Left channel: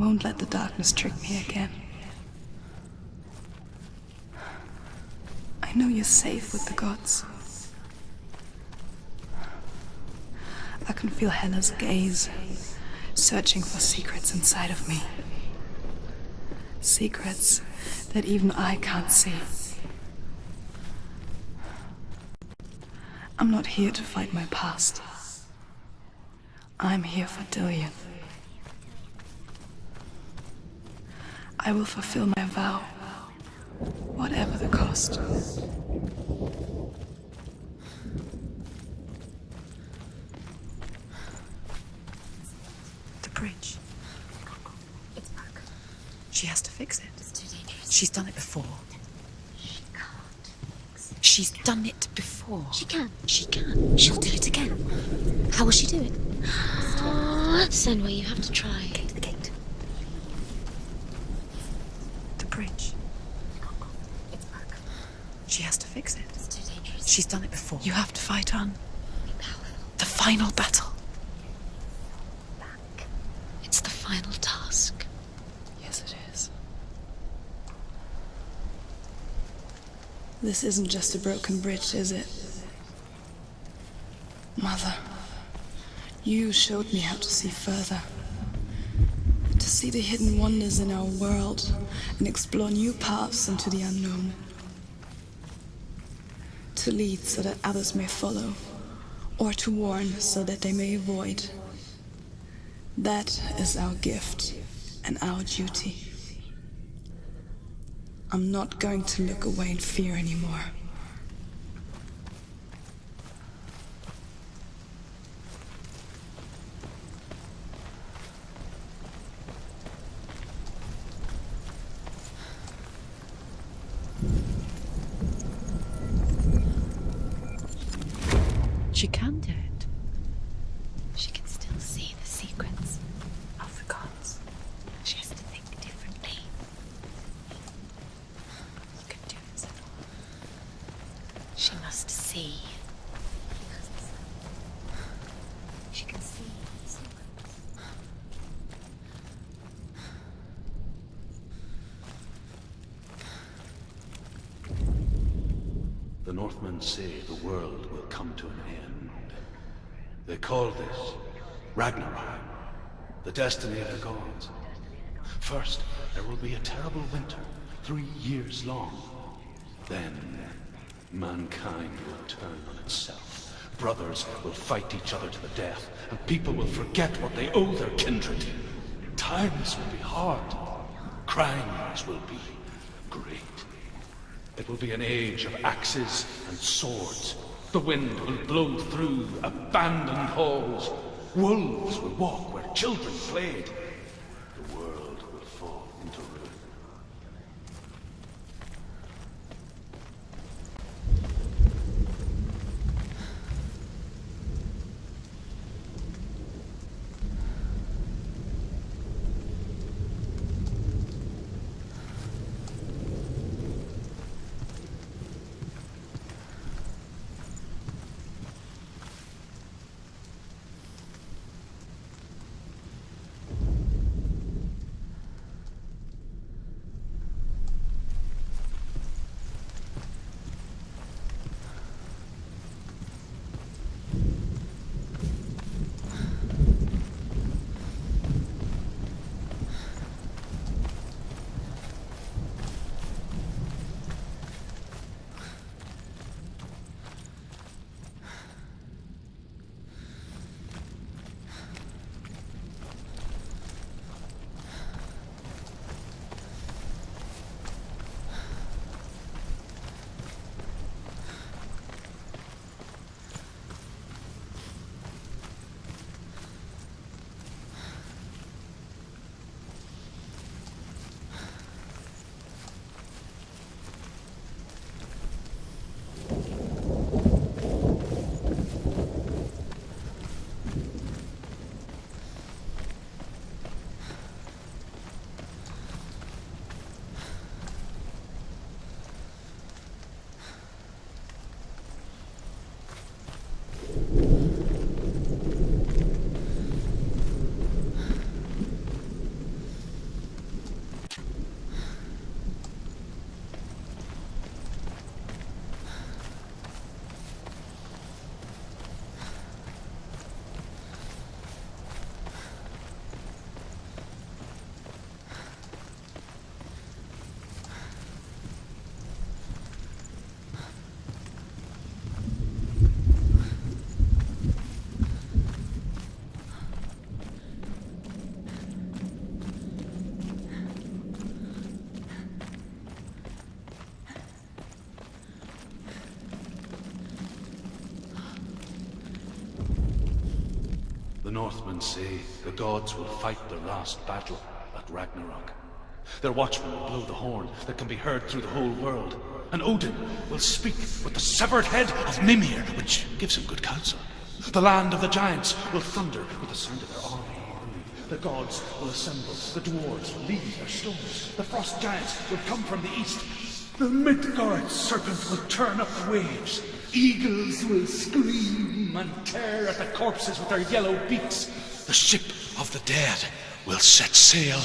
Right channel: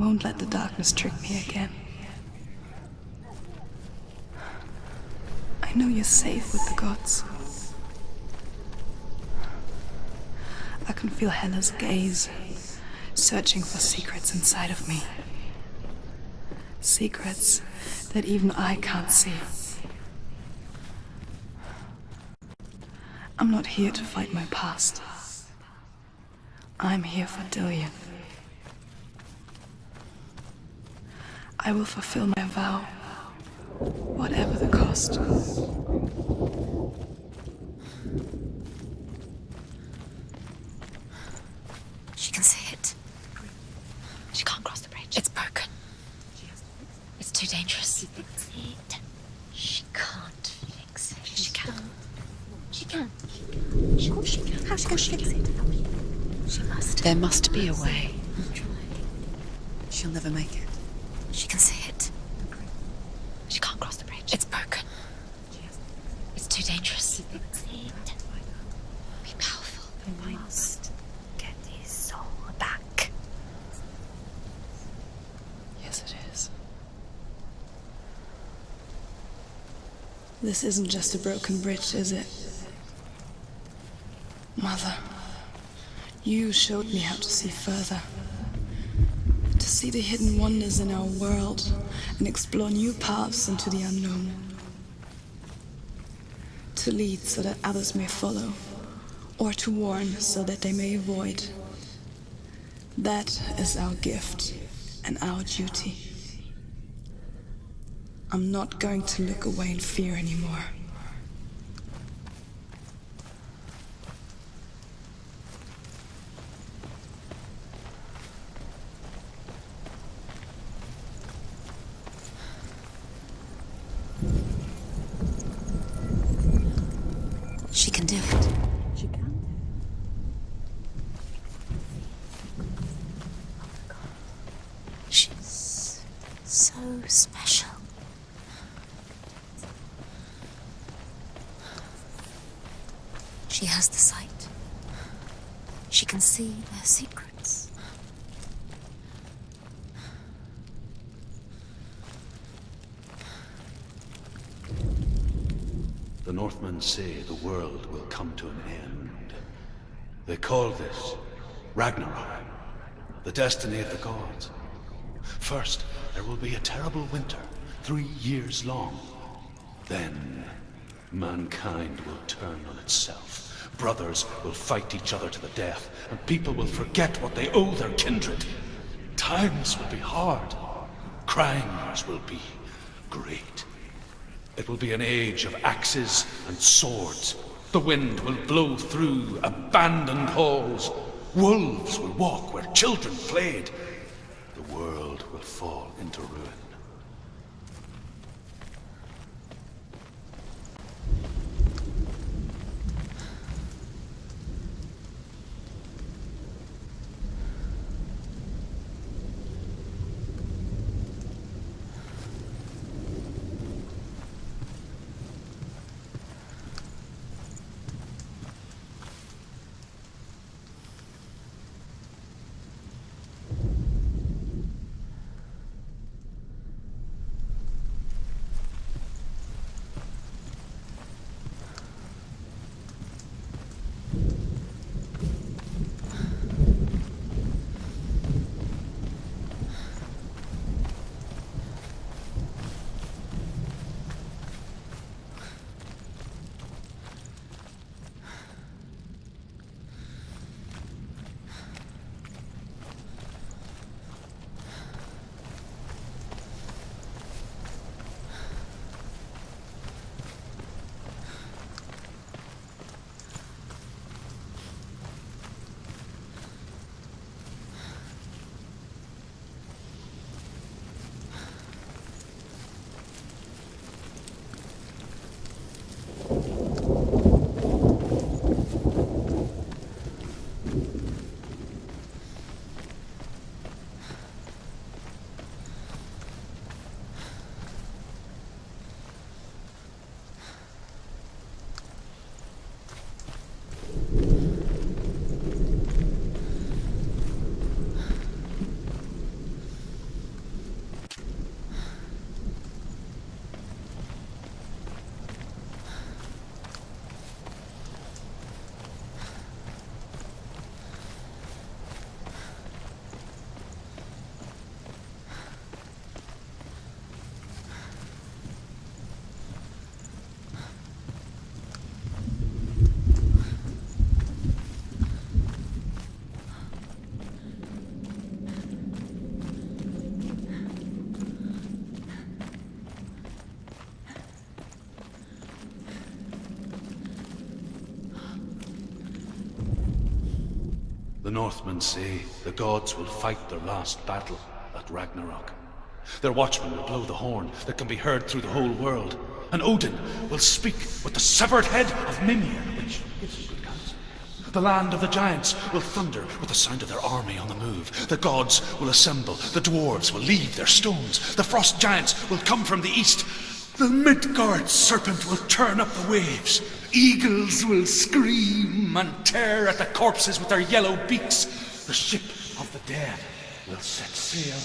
won't let the darkness trick me again. I know you're safe with the gods. I can feel Hela's gaze, searching for secrets inside of me. Secrets that even I can't see. I'm not here to fight my past. I'm here for Dillion. I will fulfill my vow, whatever the cost. She can see it. The bridge. She can't cross the bridge. It's broken. She has to fix it. It's too dangerous. She's done it before. She can't fix it. She's done it before. She can. She can. She'll do it again. How will she do it? There must be a So way. you have to try. Get to the gate. She'll never make it. She can see it. The bridge. She can't cross the bridge. It's broken. She has to fix it. It's too dangerous. She's done it before. You have to fight on. Be powerful. The final battle. Get his soul back. It's the final task. Yes, it is. This isn't just a broken bridge, is it? Mother, you showed me how to see further. To see the hidden wonders in our world and explore new paths into the unknown. To lead so that others may follow, or to warn so that they may avoid. That is our gift and our duty. I'm not going to look away in fear anymore. She can do it. She can do it. She can still see the secrets Of the gods. She can think differently. So special. Can do it. She must see. She has the sight. She can see their secrets. The Northmen say the world will come to an end. They call this Ragnarok, the destiny of the gods. First, there will be a terrible winter, 3 years long. Then, mankind will turn on itself. Brothers will fight each other to the death, and people will forget what they owe their kindred. Times will be hard. Crimes will be great. It will be an age of axes and swords. The wind will blow through abandoned halls. Wolves will walk where children played. The world will fall into ruin. The Northmen say the gods will fight their last battle at Ragnarok. Their watchmen will blow the horn that can be heard through the whole world, and Odin will speak with the severed head of Mimir, which gives him good counsel. The land of the giants will thunder with the sound of their army on the move. The gods will assemble, the dwarves will leave their stones, the frost giants will come from the east, the Midgard serpent will turn up the waves, eagles will scream and tear at the corpses with their yellow beaks, the ship of the dead will set sail.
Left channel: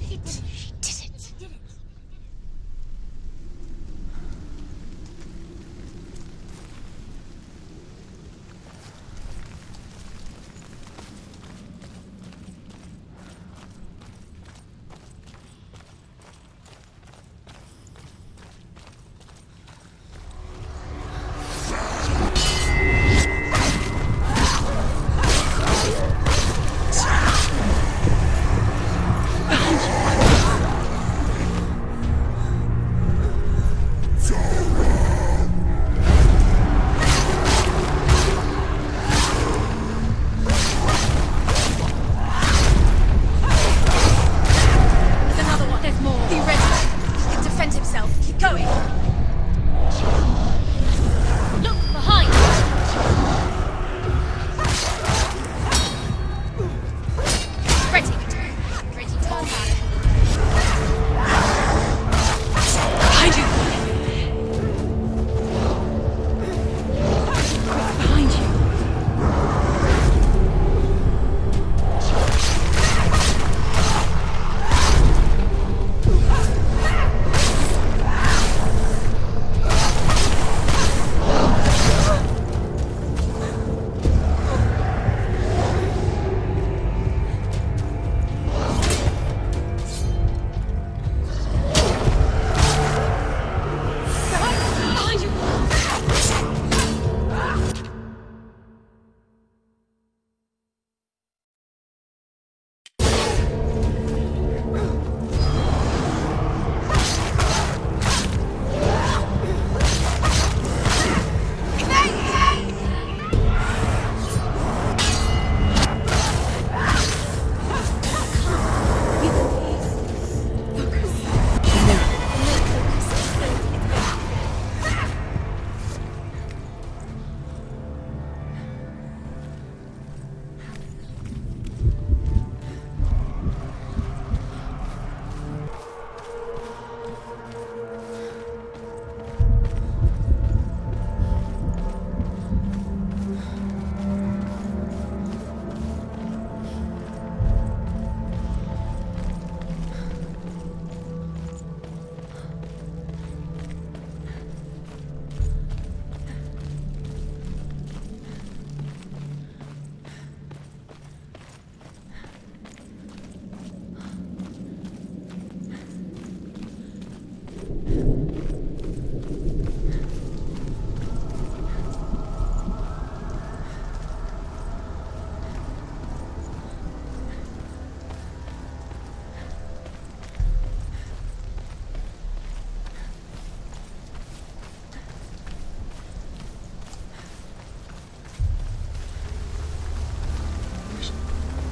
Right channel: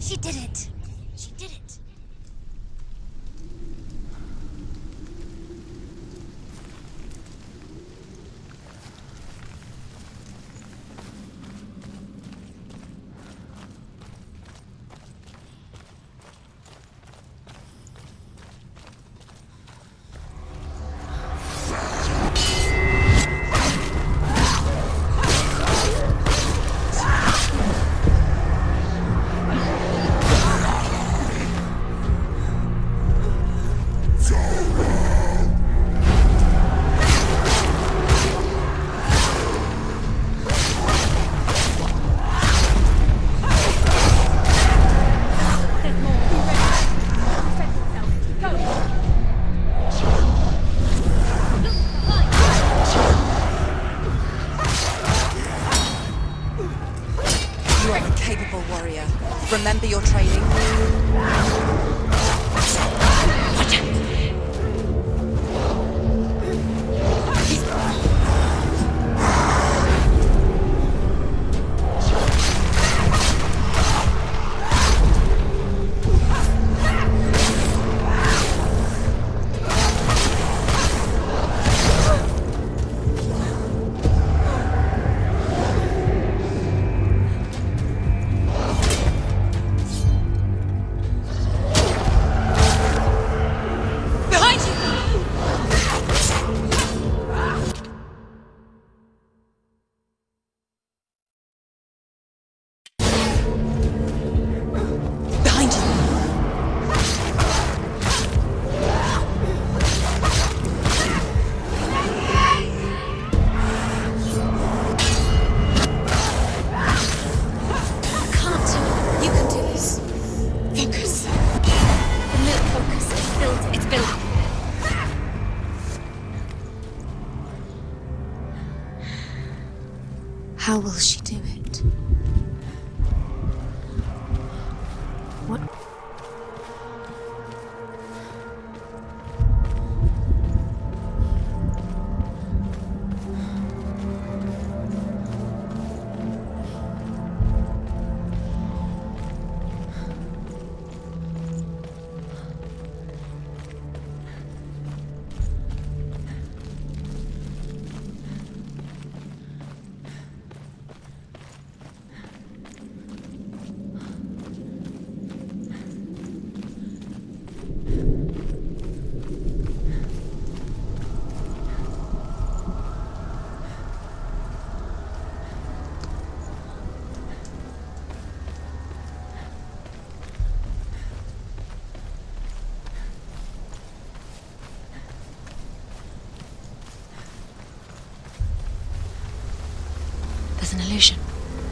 She did it. She did it. She did it. How will she do it? What?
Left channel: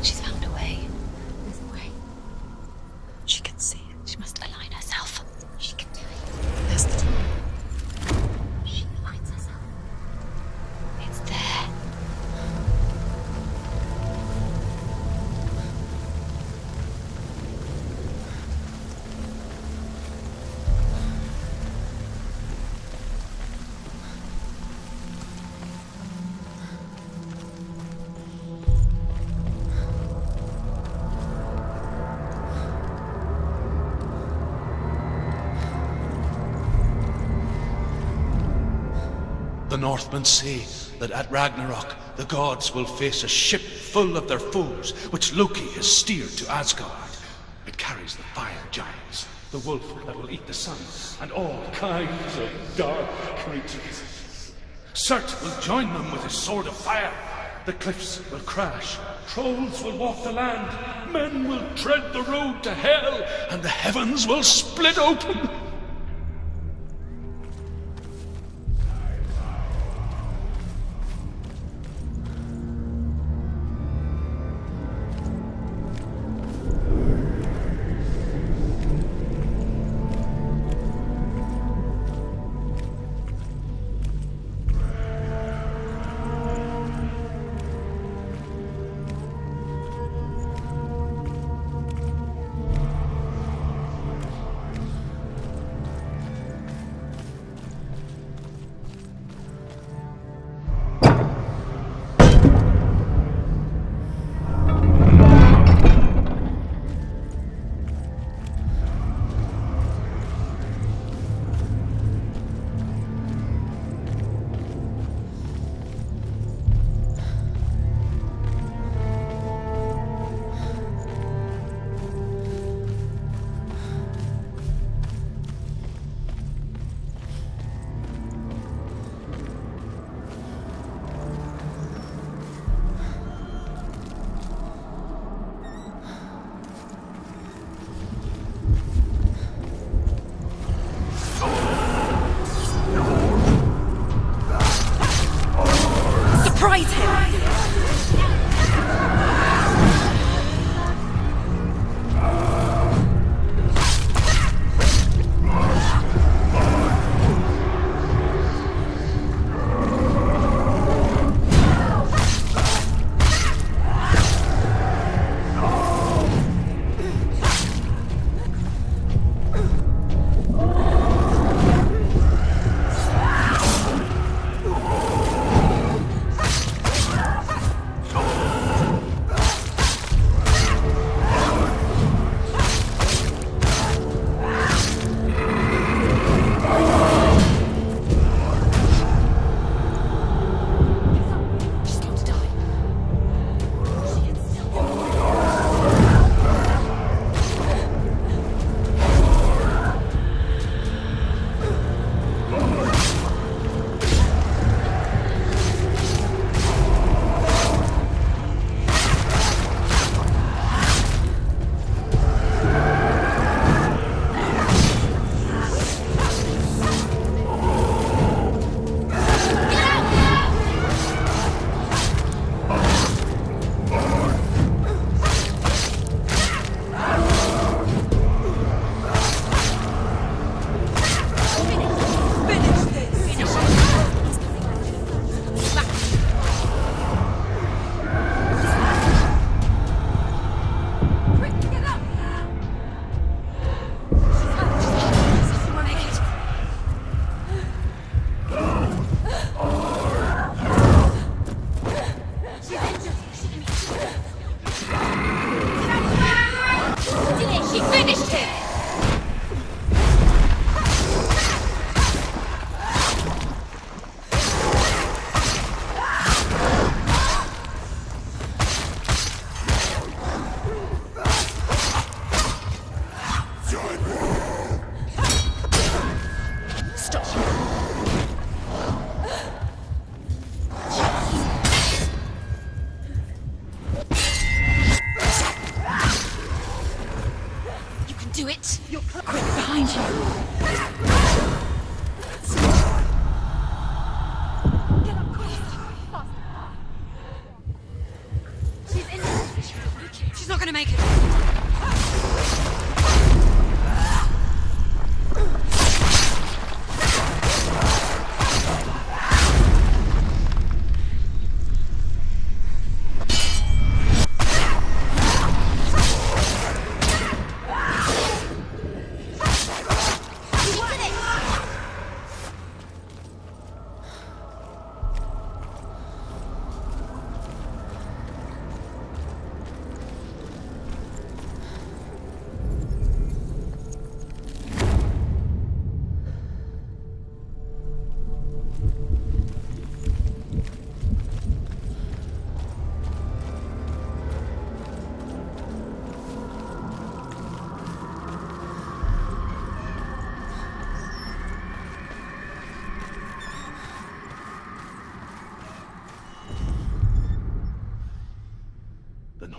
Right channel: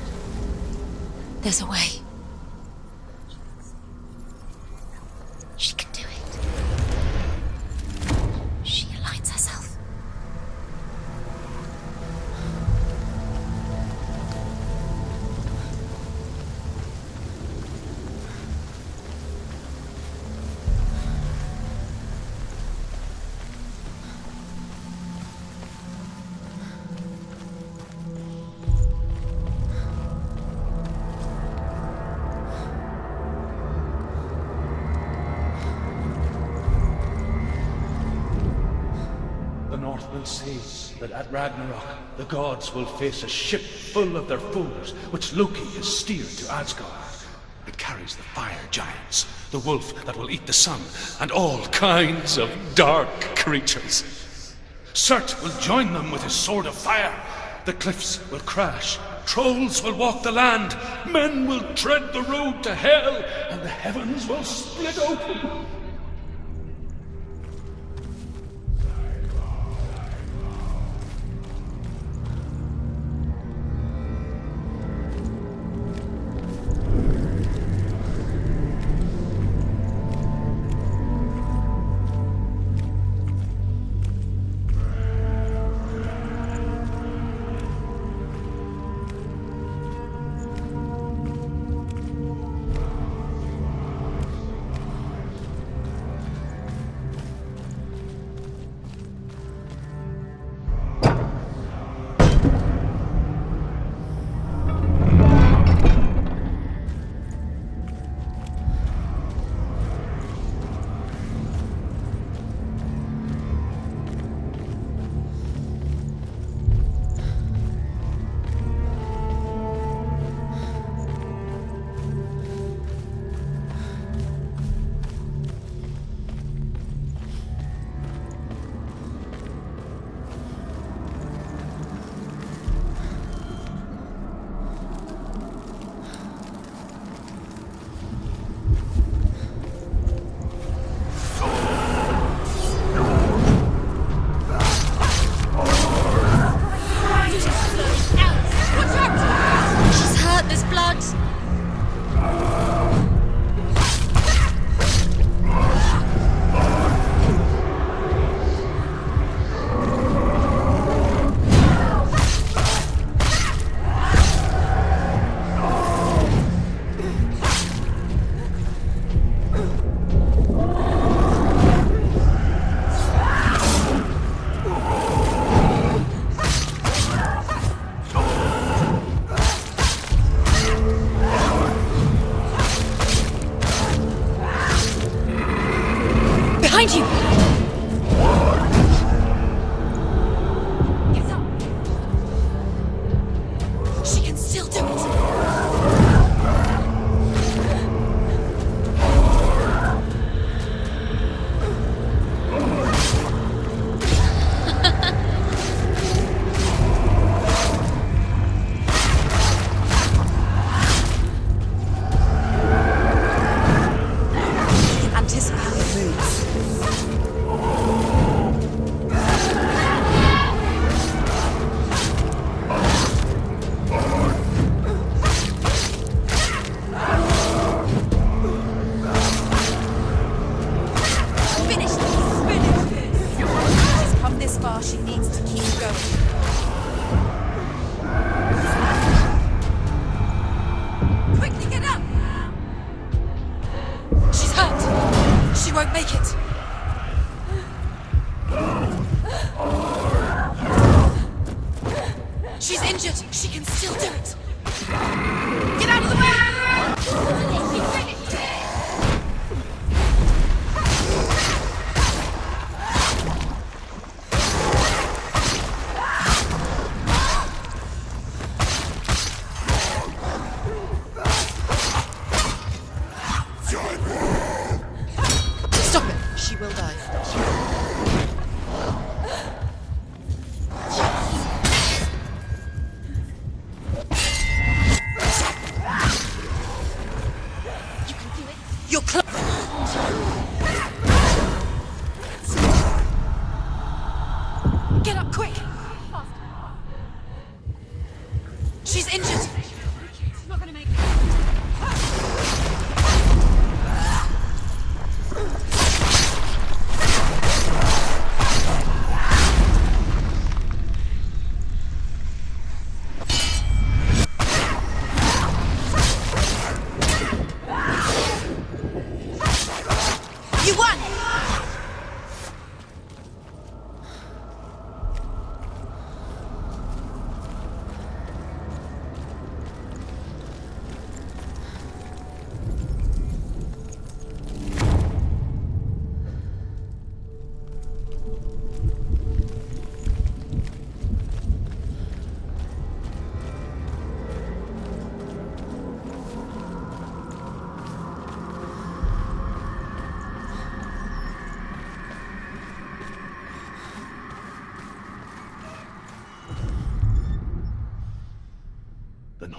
She's found a way. There's a way. She can see it. She must align herself. She can do it. There's the... She aligns herself. It's there. The Northmen say that at Ragnarok the gods will face a ship full of their foes, which Loki has steered to Asgard. It carries the fire giants, the wolf that will eat the sun, and all kinds of dark creatures. Surt will join them with his sword of fire. The cliffs will crash, trolls will walk the land, men will tread the road to hell, and the heavens will split open.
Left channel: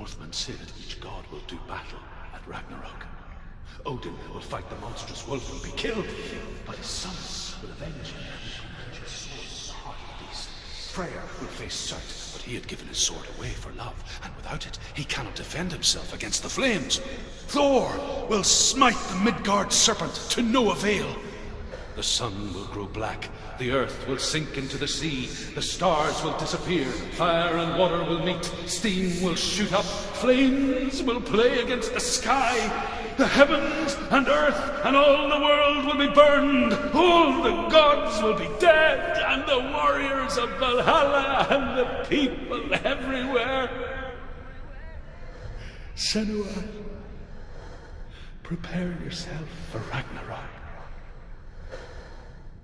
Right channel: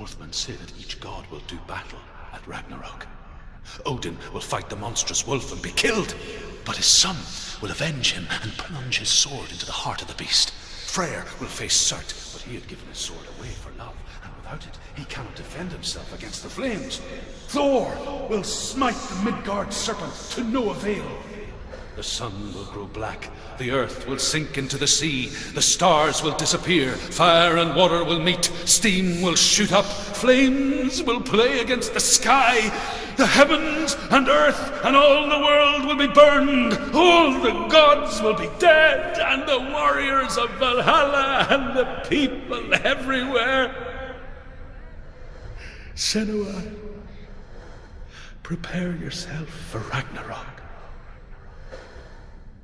Northmen say that each god will do battle at Ragnarok. Odin will fight the monstrous wolf and be killed, but his son will avenge him and plunge his sword into the heart of the beast. Freyr will face Surt, but he had given his sword away for love, and without it, he cannot defend himself against the flames. Thor will smite the Midgard serpent to no avail. The sun will grow black, the earth will sink into the sea, the stars will disappear, fire and water will meet, steam will shoot up, flames will play against the sky, the heavens and earth and all the world will be burned, all the gods will be dead, and the warriors of Valhalla and the people everywhere. Senua, prepare yourself for Ragnarok,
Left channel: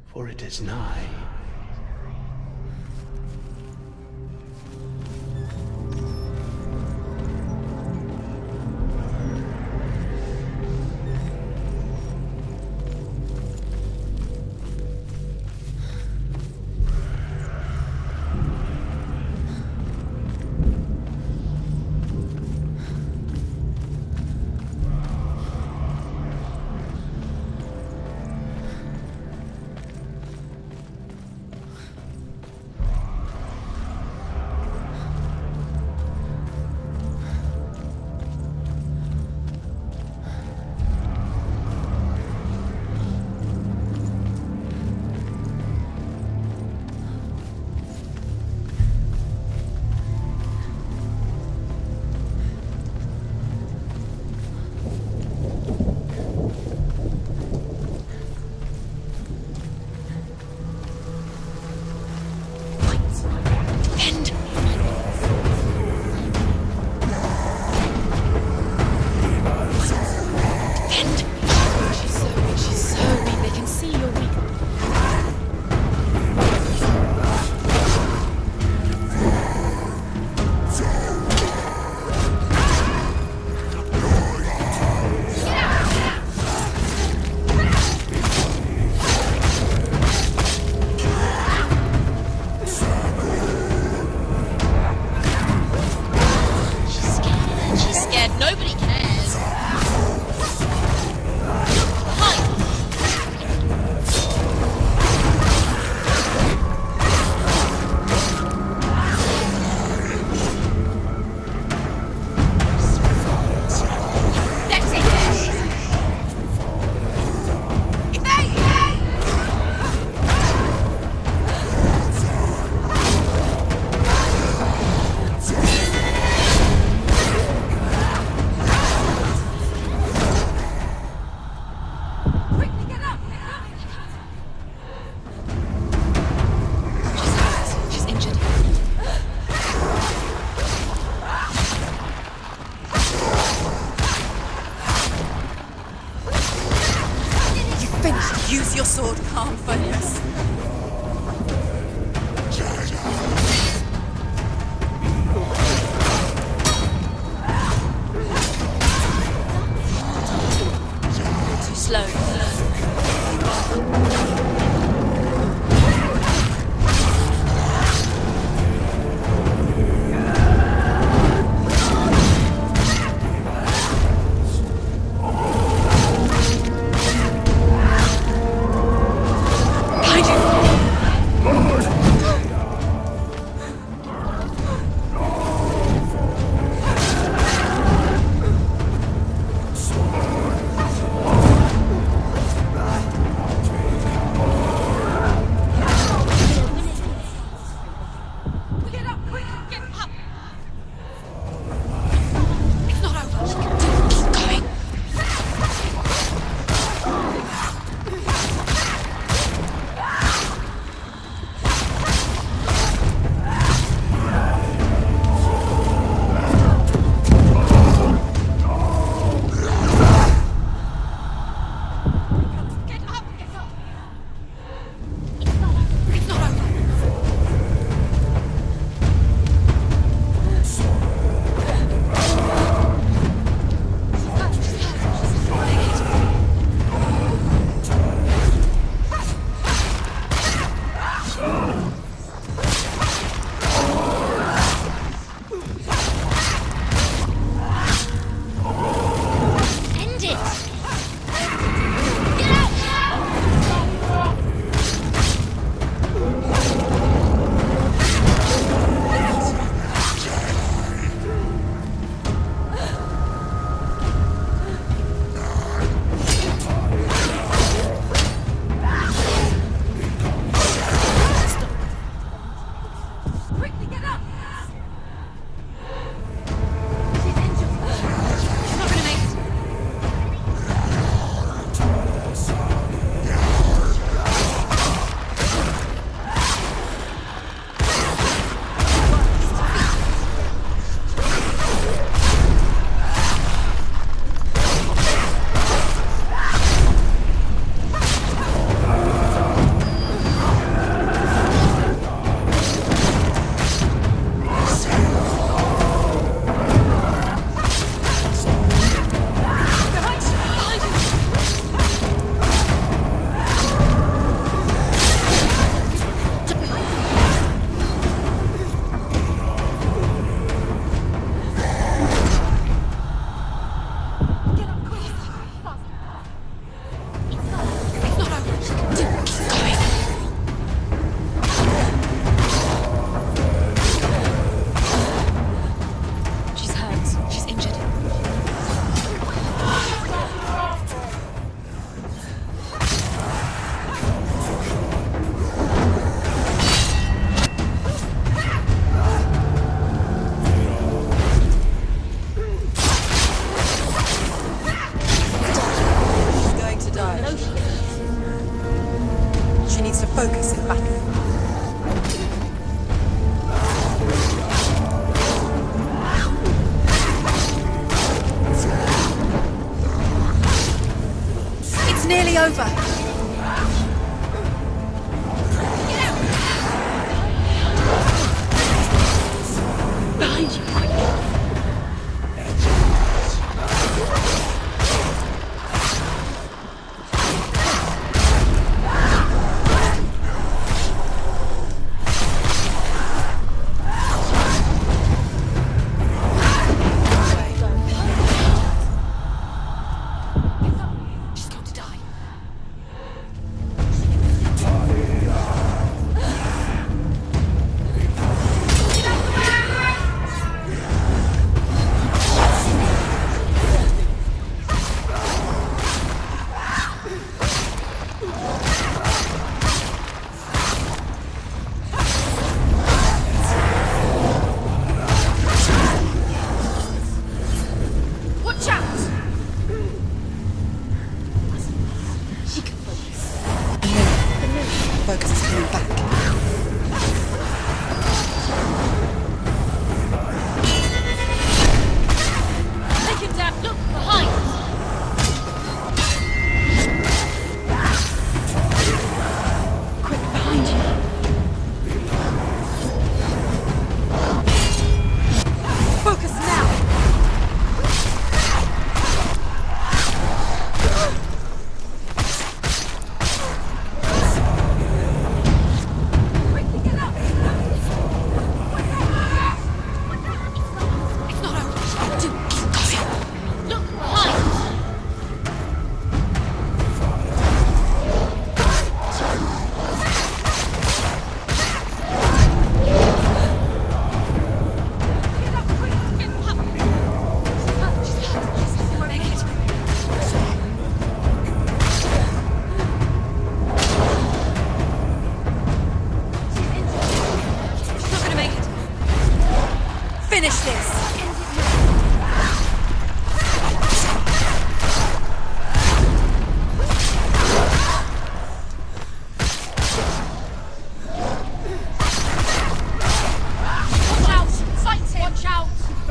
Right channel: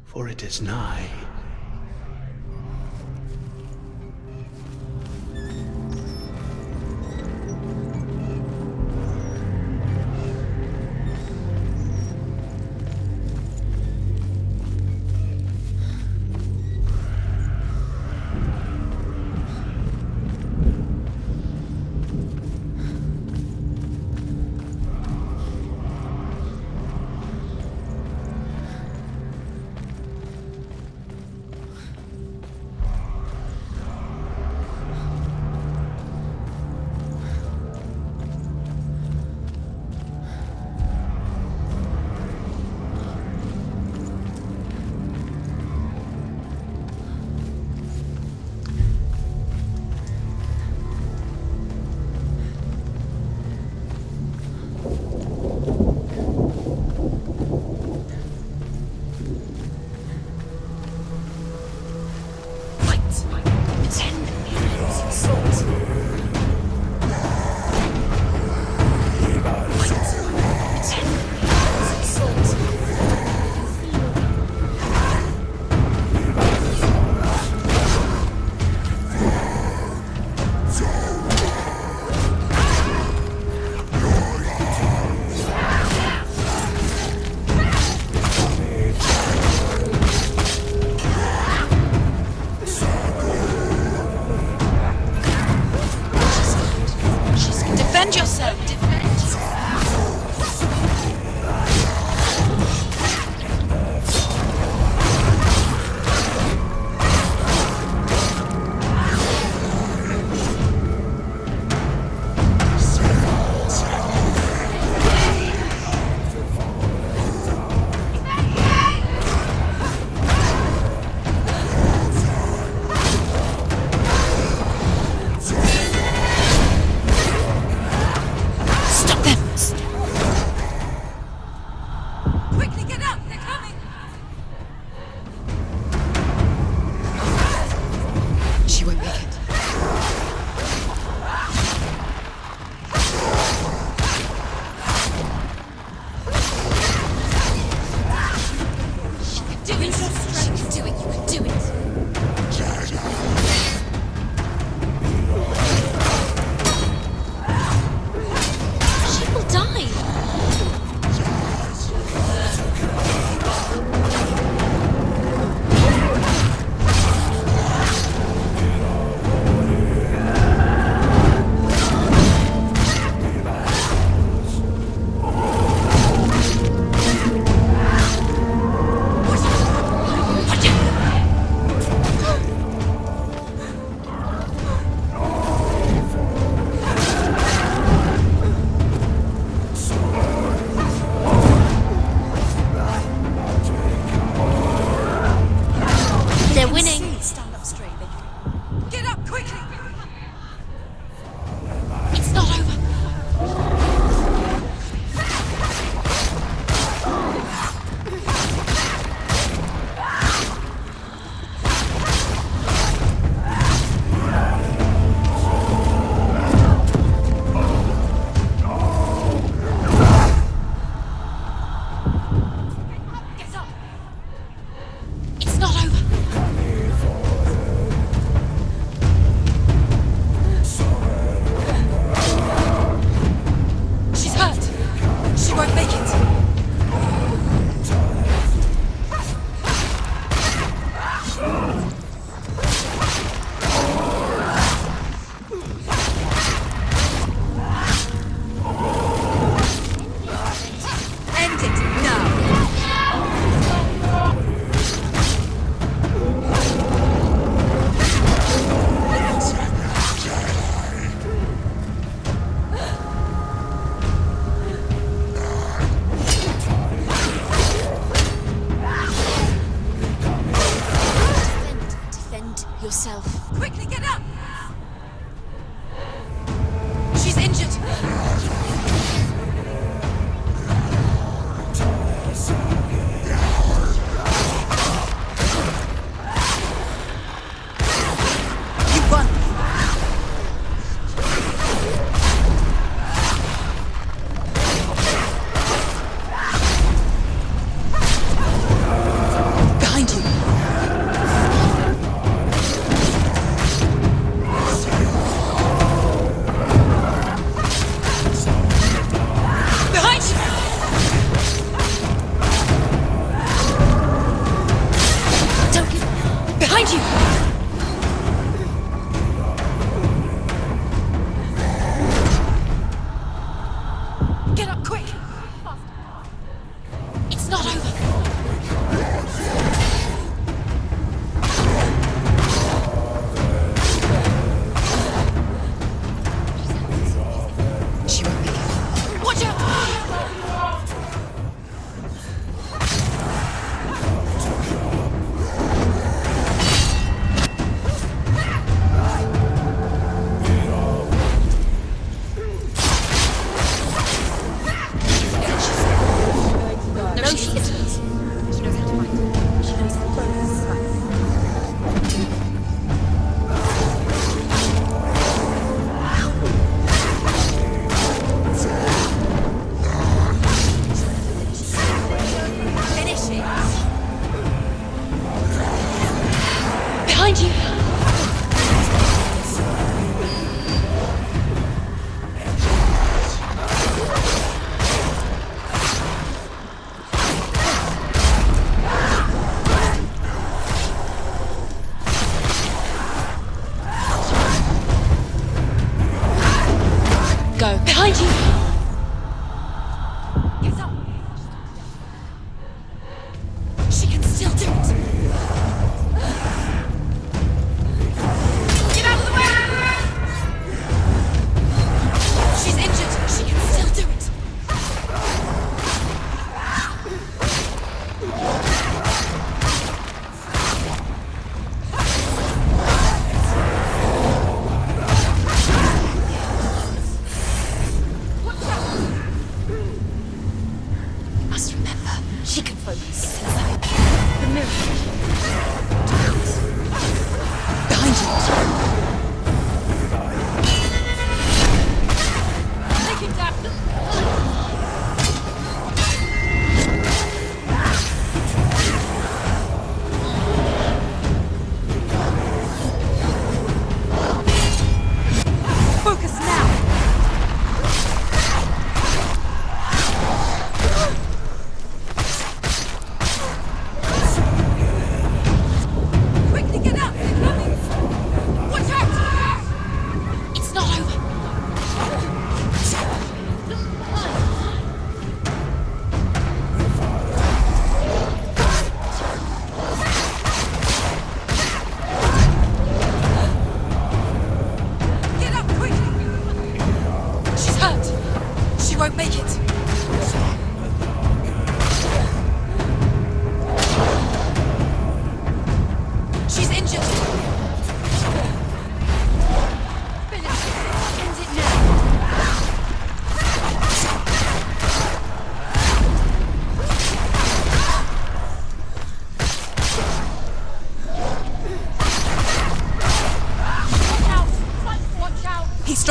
for it is nigh.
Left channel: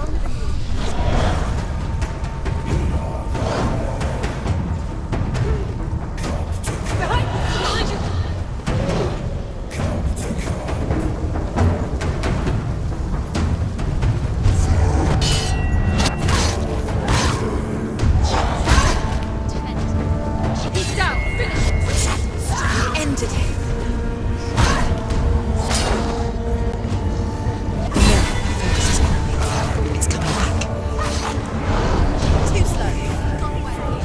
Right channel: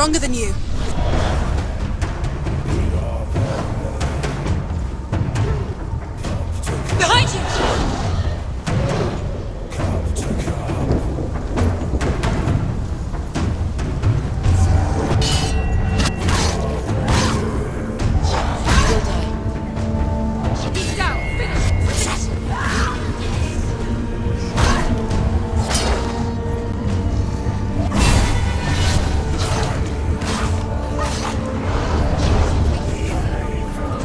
stronger than you. Behind you! He's down! Finish it! We ended him. It's coming back. Too slow.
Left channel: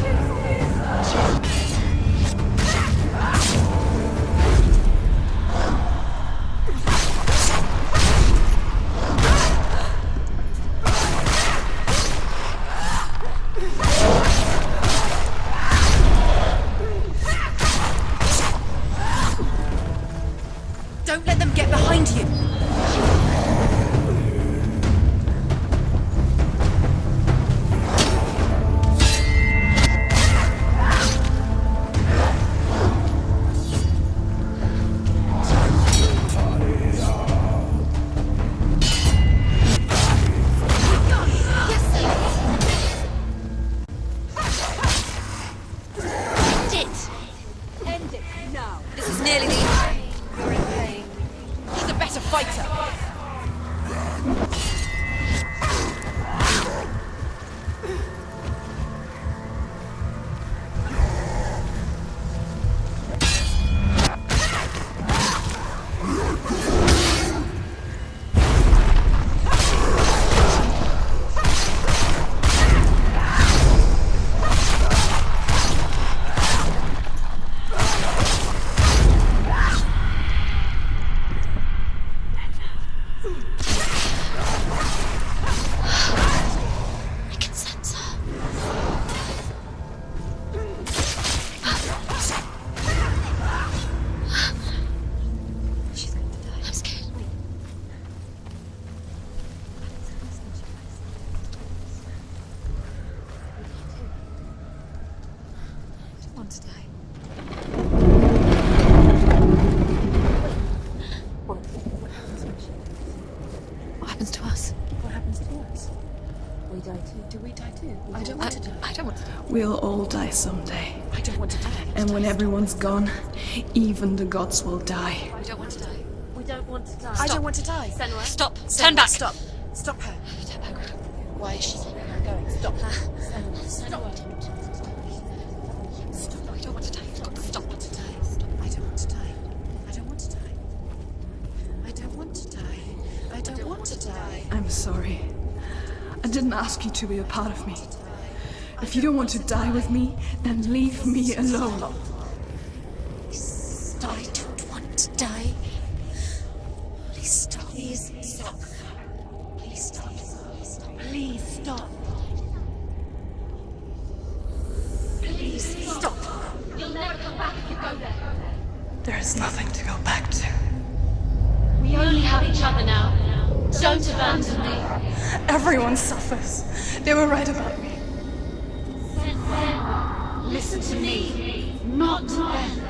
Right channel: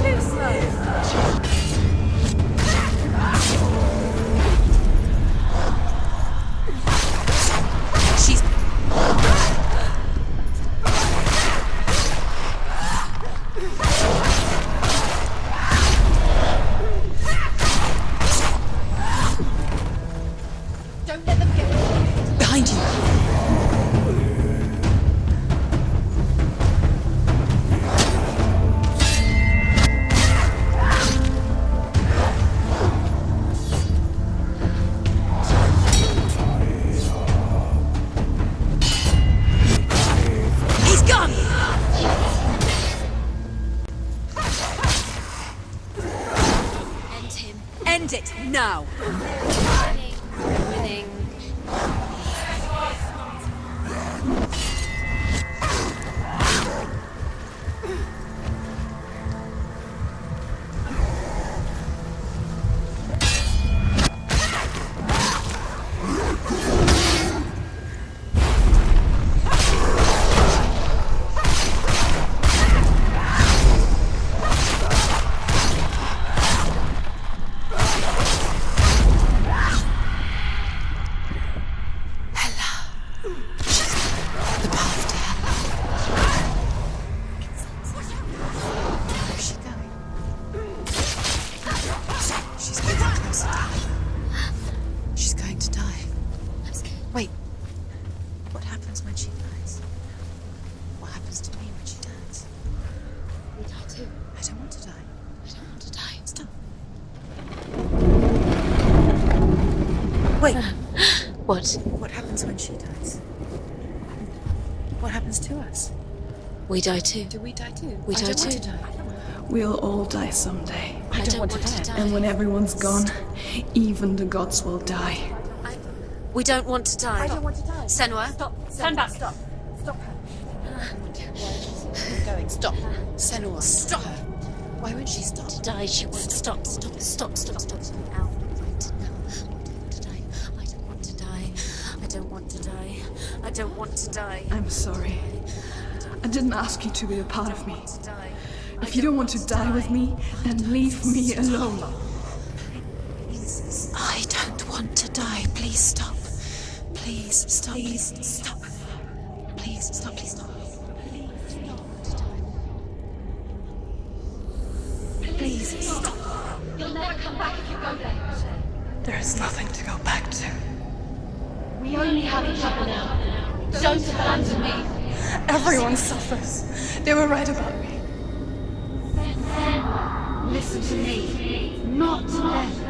Too slow. She's... Don't let them get behind you. Behind you. He's gone. End it now. This is nearly the end. He's a better fighter. I can sense her. She's going to die. I'm scared. Wait. What happens when she dies? What happens to me when she dies? We die too. I don't want to die. I don't want to die. I just want to die. Wait. What? What happens when she dies? What happens to us? What happens to us? We die too. Do we die too? We I die don't want too. to die. I don't want to die. We'll all die someday. I don't want to die. And when everyone's gone, even the gods will die. We don't want to die. We don't want to die. I don't want to die. Senua, stop. Senua, Turn back. Stop. Stop her. Why is she I'm going. Stop. Senua, stop. Why won't she stop? to die? She won't stop. Stop. Stop. Stop. I don't want to die. I don't want to die. I don't want to die. I don't want to die. I'm sorry. I didn't ask you to be a part of me. If you don't want to die with me, then leave me alone. I don't want to die. Please stop. Please stop. Please stop. Please stop. Please stop. Please stop. Please stop. You'll never come back if you go there. There is nothing to go back to. We only have each other now. Don't abandon me. Everyone suffers. They were right about me. Listen to me, not them.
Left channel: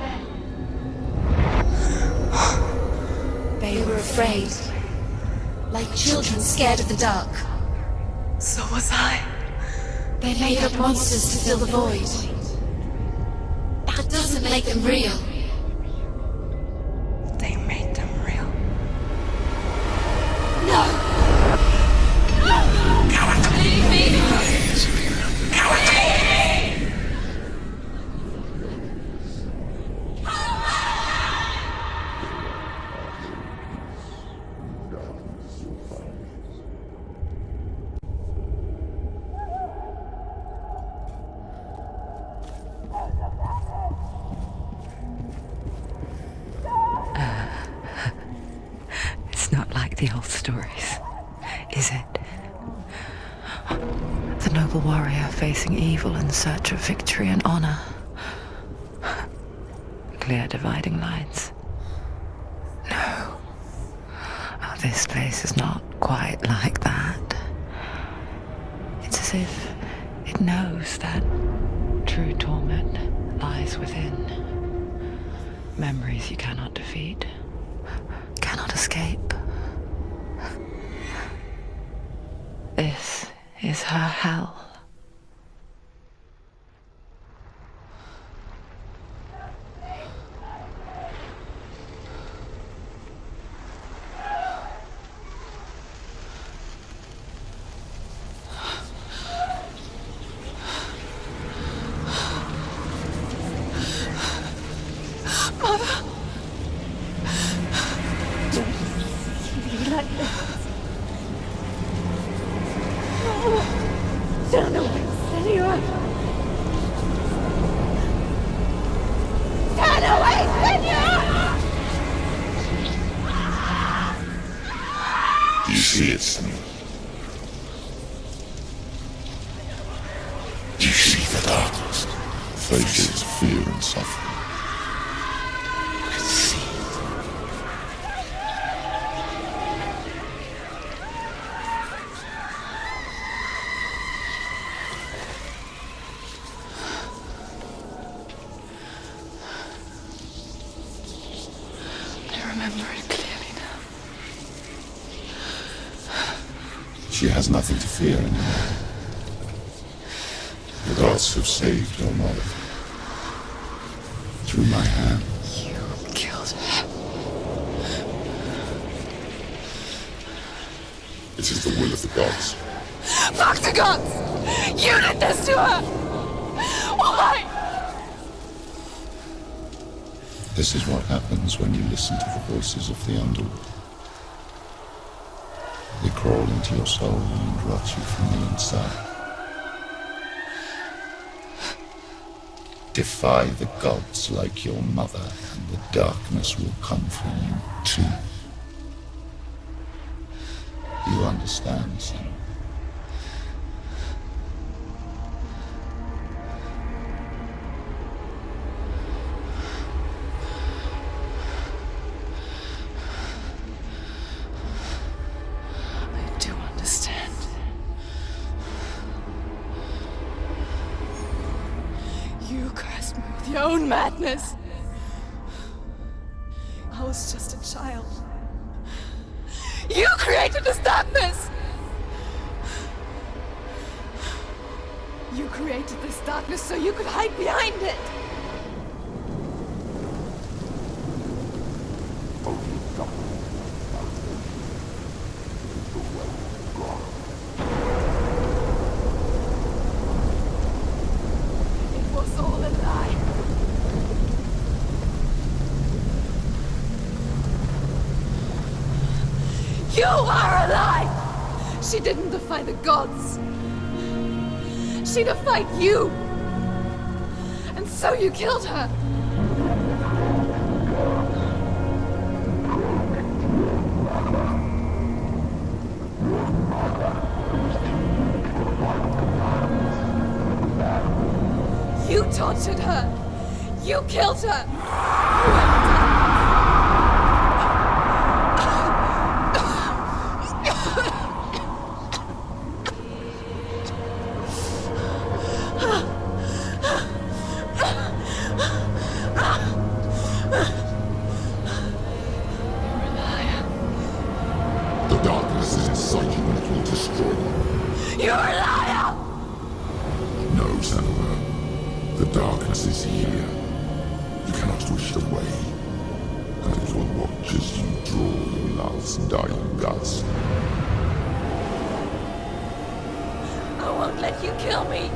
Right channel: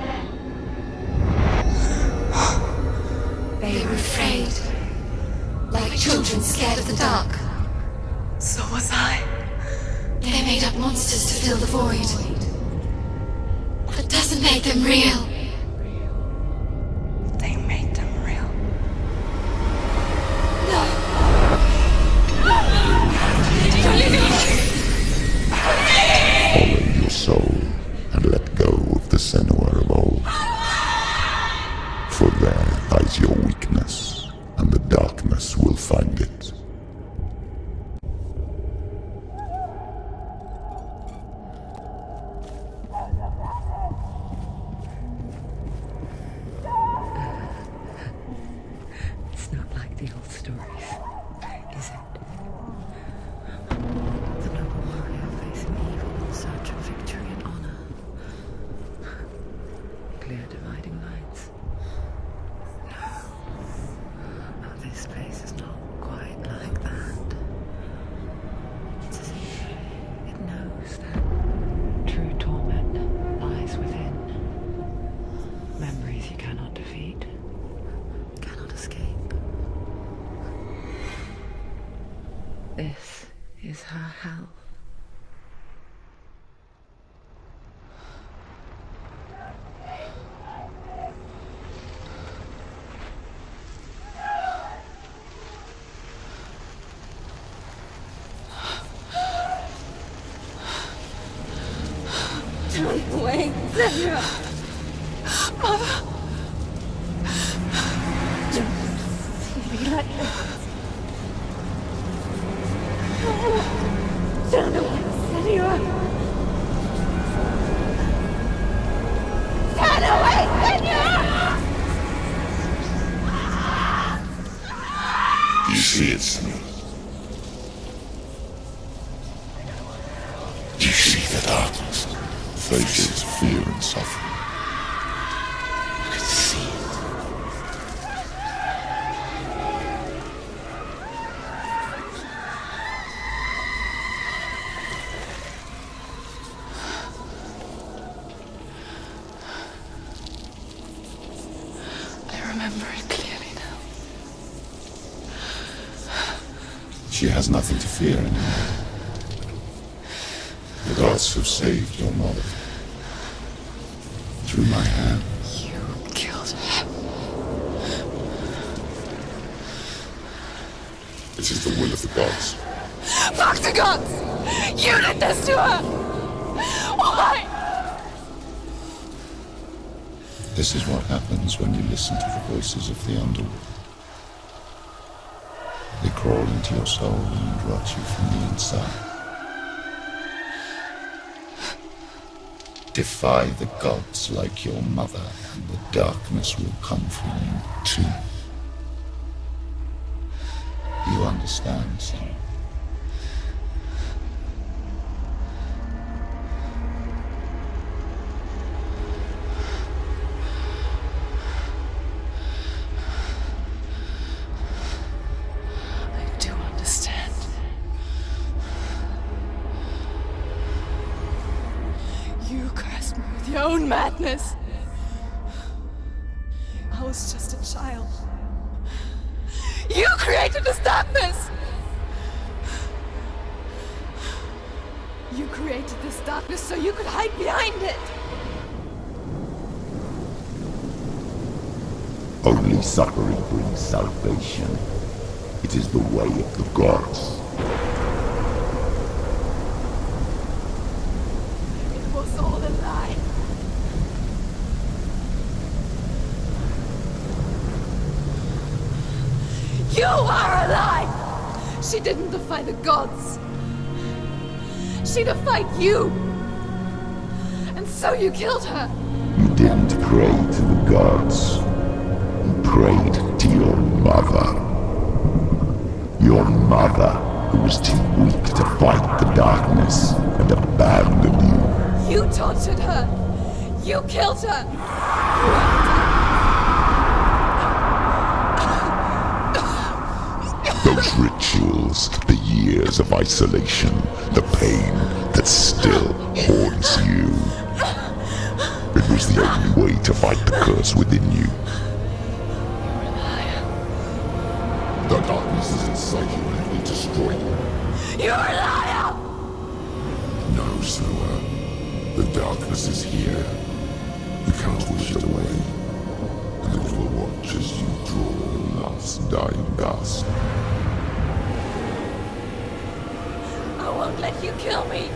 They were afraid. Like children scared of the dark. So was I. They made up monsters to fill the void. That doesn't make them real. They made them real. No! Follow your soul and let go of the Senua of old. For there lies your weakness, and the darkness will find it. It's not like the old stories, is it? The noble warrior facing evil in search of victory and honor. Clear dividing lines. No. Oh, this place is not quite like that. It's as if it knows that true torment lies within. Memories you cannot defeat, cannot escape. This is her hell. Wait, Senua! Mother! Don't see me like this. Turn away, Senua! Turn away, Senua! Do you see it, Senua? Do you see the darkness? Faces of fear and suffering. You can see it. I remember it clearly now. She has nothing to fear anymore. The gods have saved your mother. Through my hand. You killed her. It is the will of the gods. Fuck the gods! You did this to her! Why? This is what happens when you listen to the voices of the underworld. They crawl into your soul and rot you from the inside. Defy the gods like your mother, and the darkness will come for you too. You understand, Senua? I do understand. You cursed me with your own madness. I was just a child. You created this darkness! You created this darkness so you could hide behind it! Only suffering brings salvation. It is the way of the gods. It was all a lie. You are a lie! She didn't defy the gods. She defied you! And so you killed her! You didn't pray to the gods. You prayed to your mother. Your mother, who was too weak to fight the darkness and abandoned you. You tortured her! You killed her! You have done. Those rituals, the years of isolation, the pain that still haunts you. It was the only way to fight the curse within you. You're a liar. The darkness is inside you that will destroy you. You're a liar! No, Senua. The darkness is here. You cannot wish it away. And it will watch as you draw the last dying gasp. I won't let you kill me!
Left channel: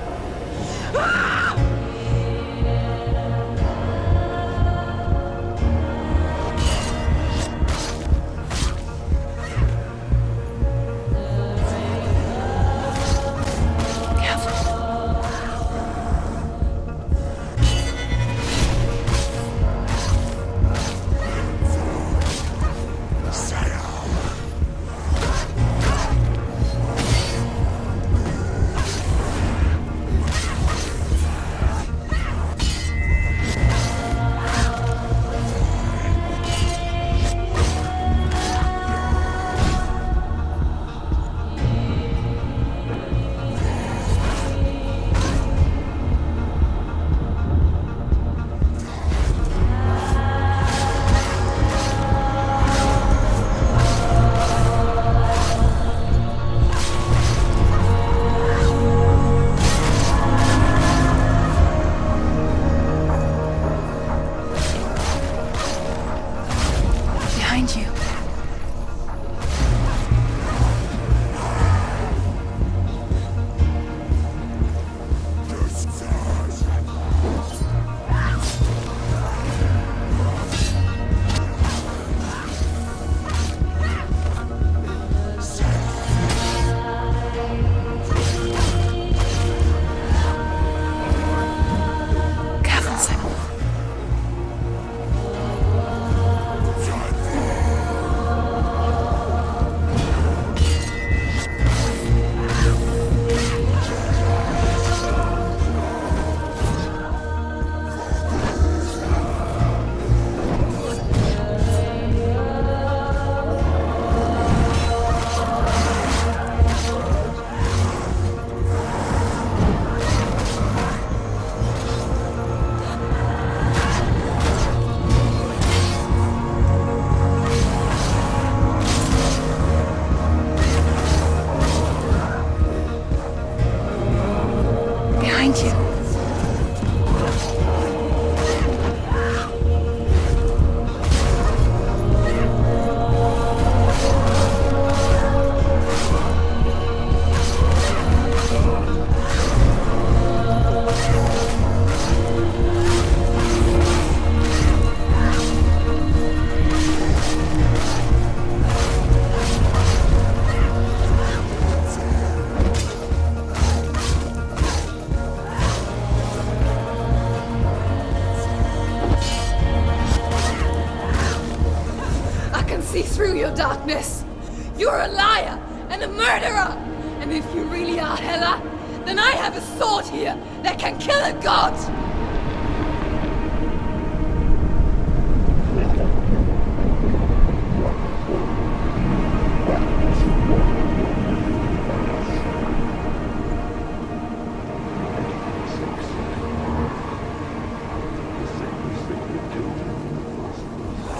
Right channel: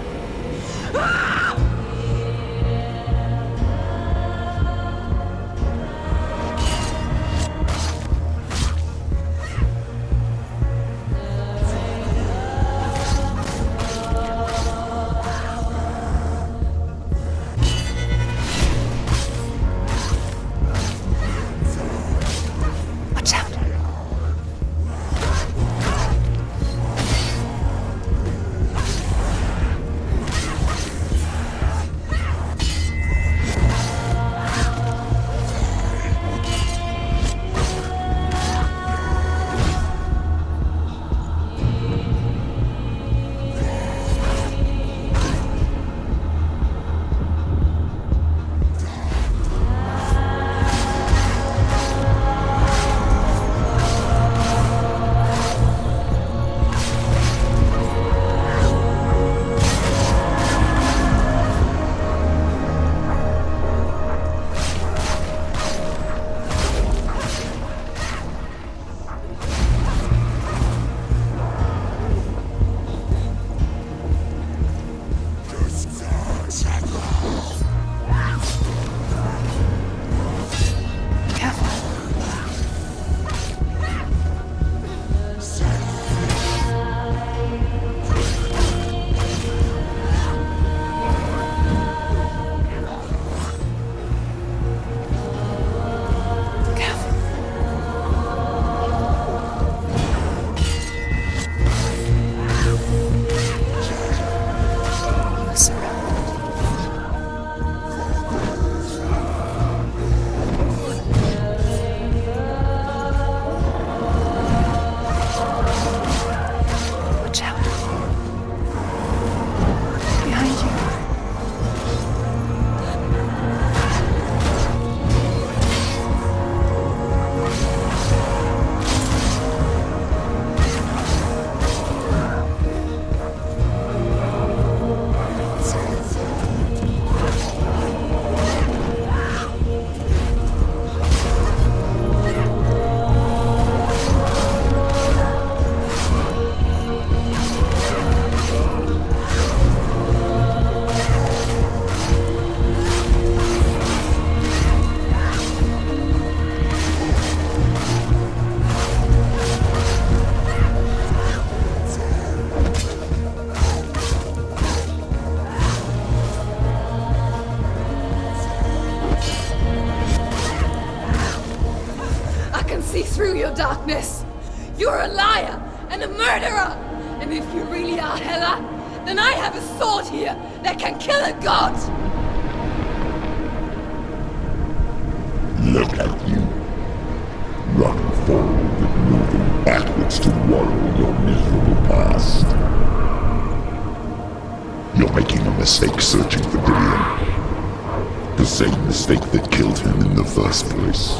can see through your darkness. You're a liar and a murderer. And if you really are Hela, then I have a sword here that can kill a god. Look at you. Running forward, moving backwards to wallow your miserable past. You're making a mistake searching for Dillion. The same mistake that killed him in the first place.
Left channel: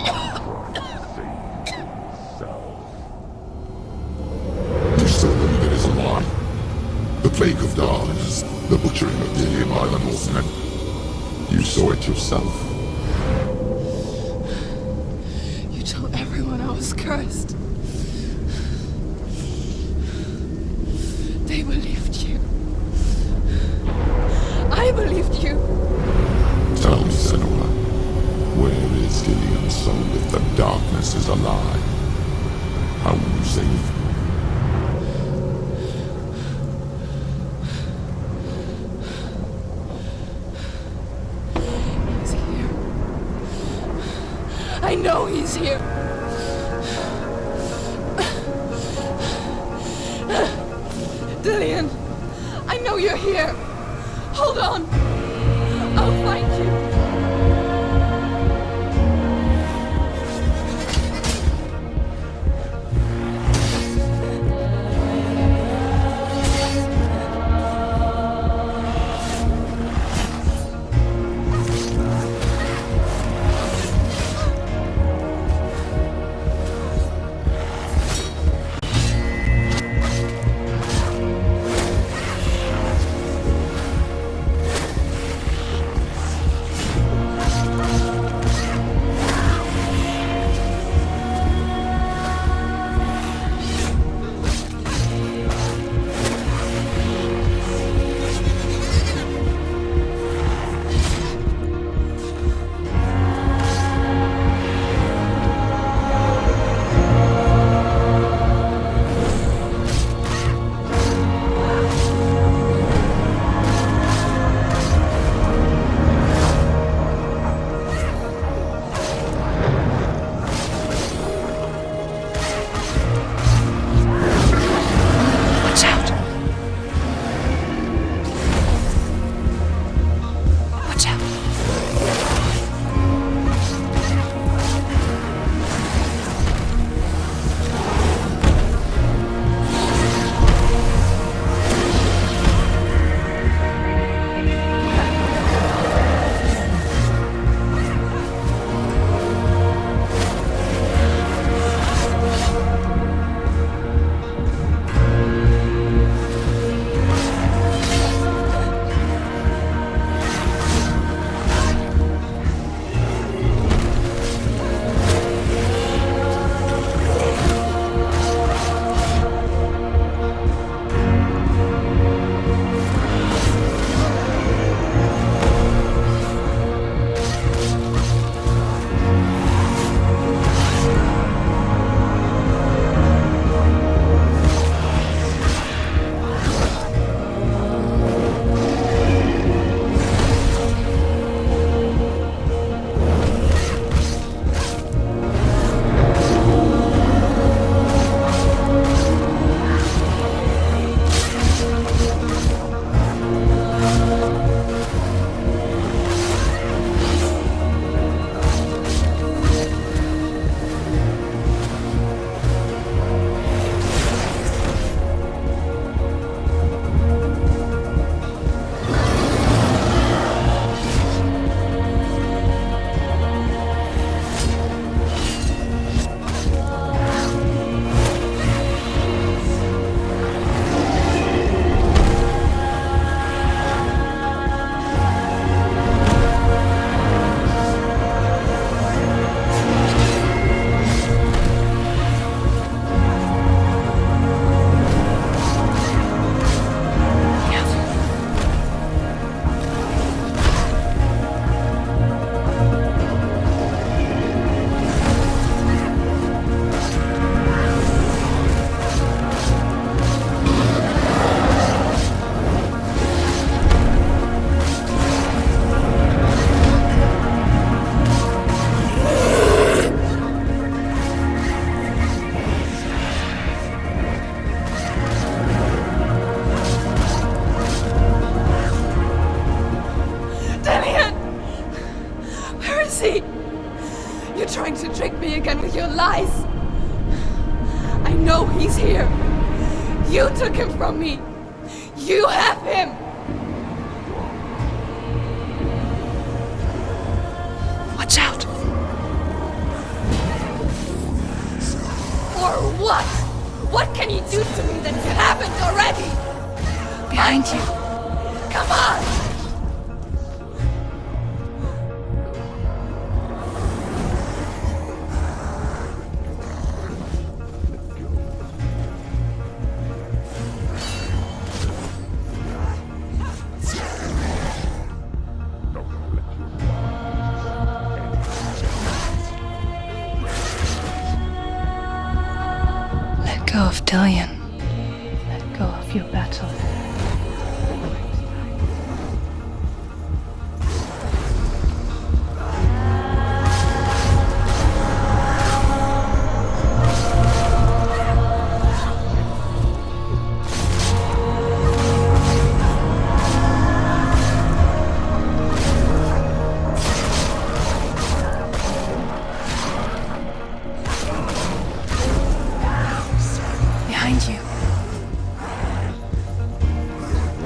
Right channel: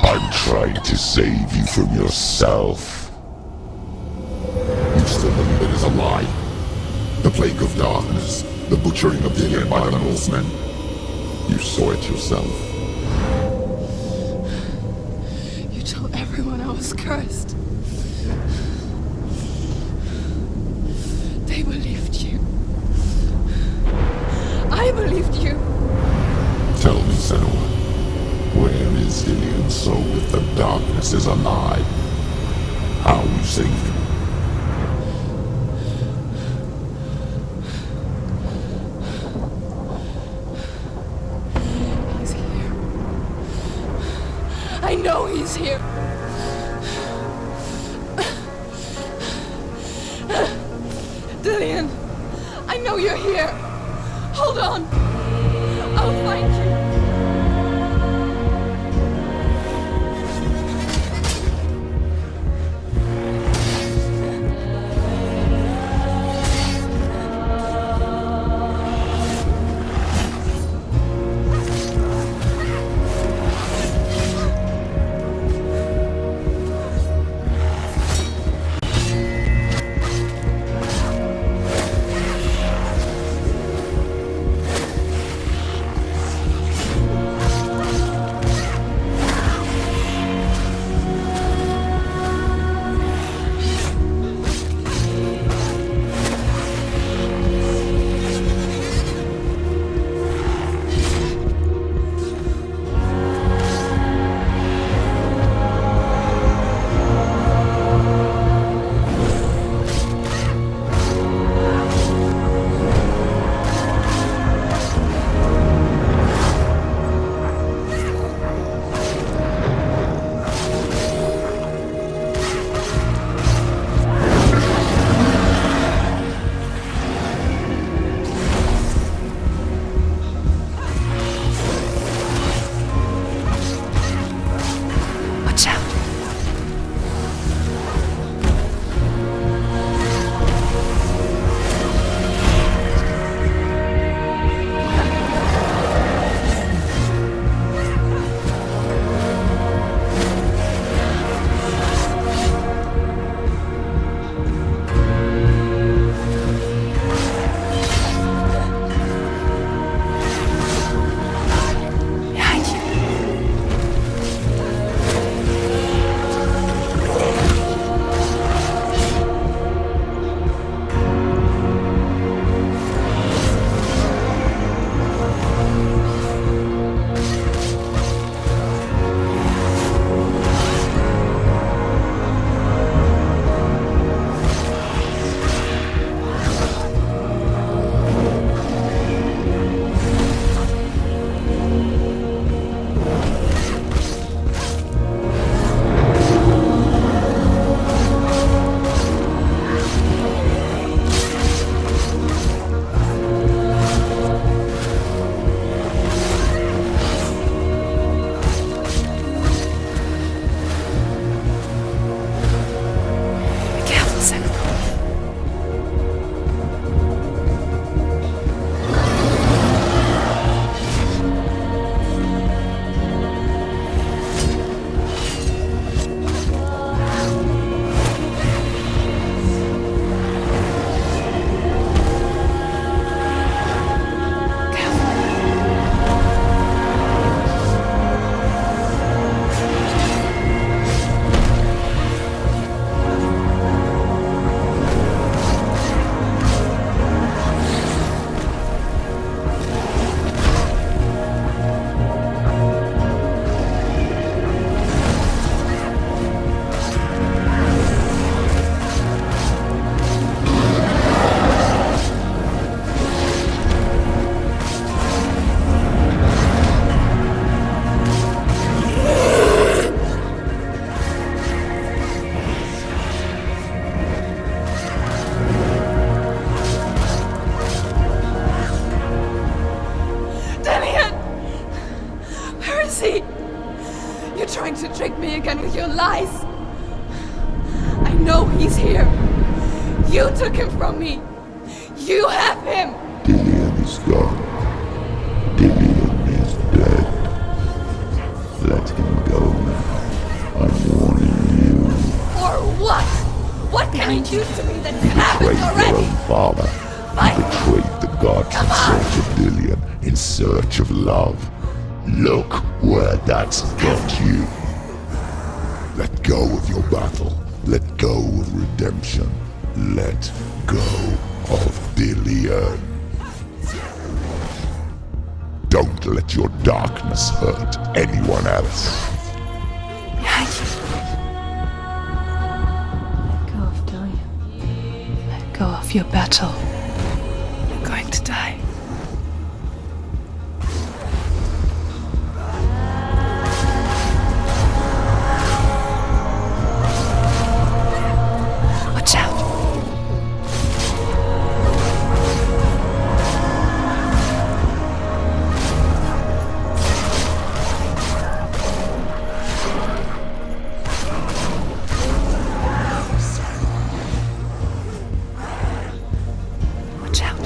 I'm trying to save you from yourself. You still believe it is a lie? The plague of darkness, the butchering of Dillion by the Northmen. You saw it yourself. You told everyone I was cursed. They believed you. I believed you. Tell me, Senua, where is Dillion's soul if the darkness is alive? How you saved him? He's here. I know he's here. Dillion, I know you're here. Hold on. I'll find you. trying to trick me again with your lies. I know he's here. You took him from me. You have him. Dillion is gone. Dillion is dead. Watch out! Let him go. I'm warning you. For what? What can you do to me that you haven't already? Father, Mind you. betrayed the gods Come on. to Dillion in search of love. Look where that's got you. Let go of your battle. Let go of redemption. Let go of Dillion. Don't let your darkness hurt anyone else. Let go of Dillion. Let go of your battle. I'm going to die. Watch out! Behind you. Watch out.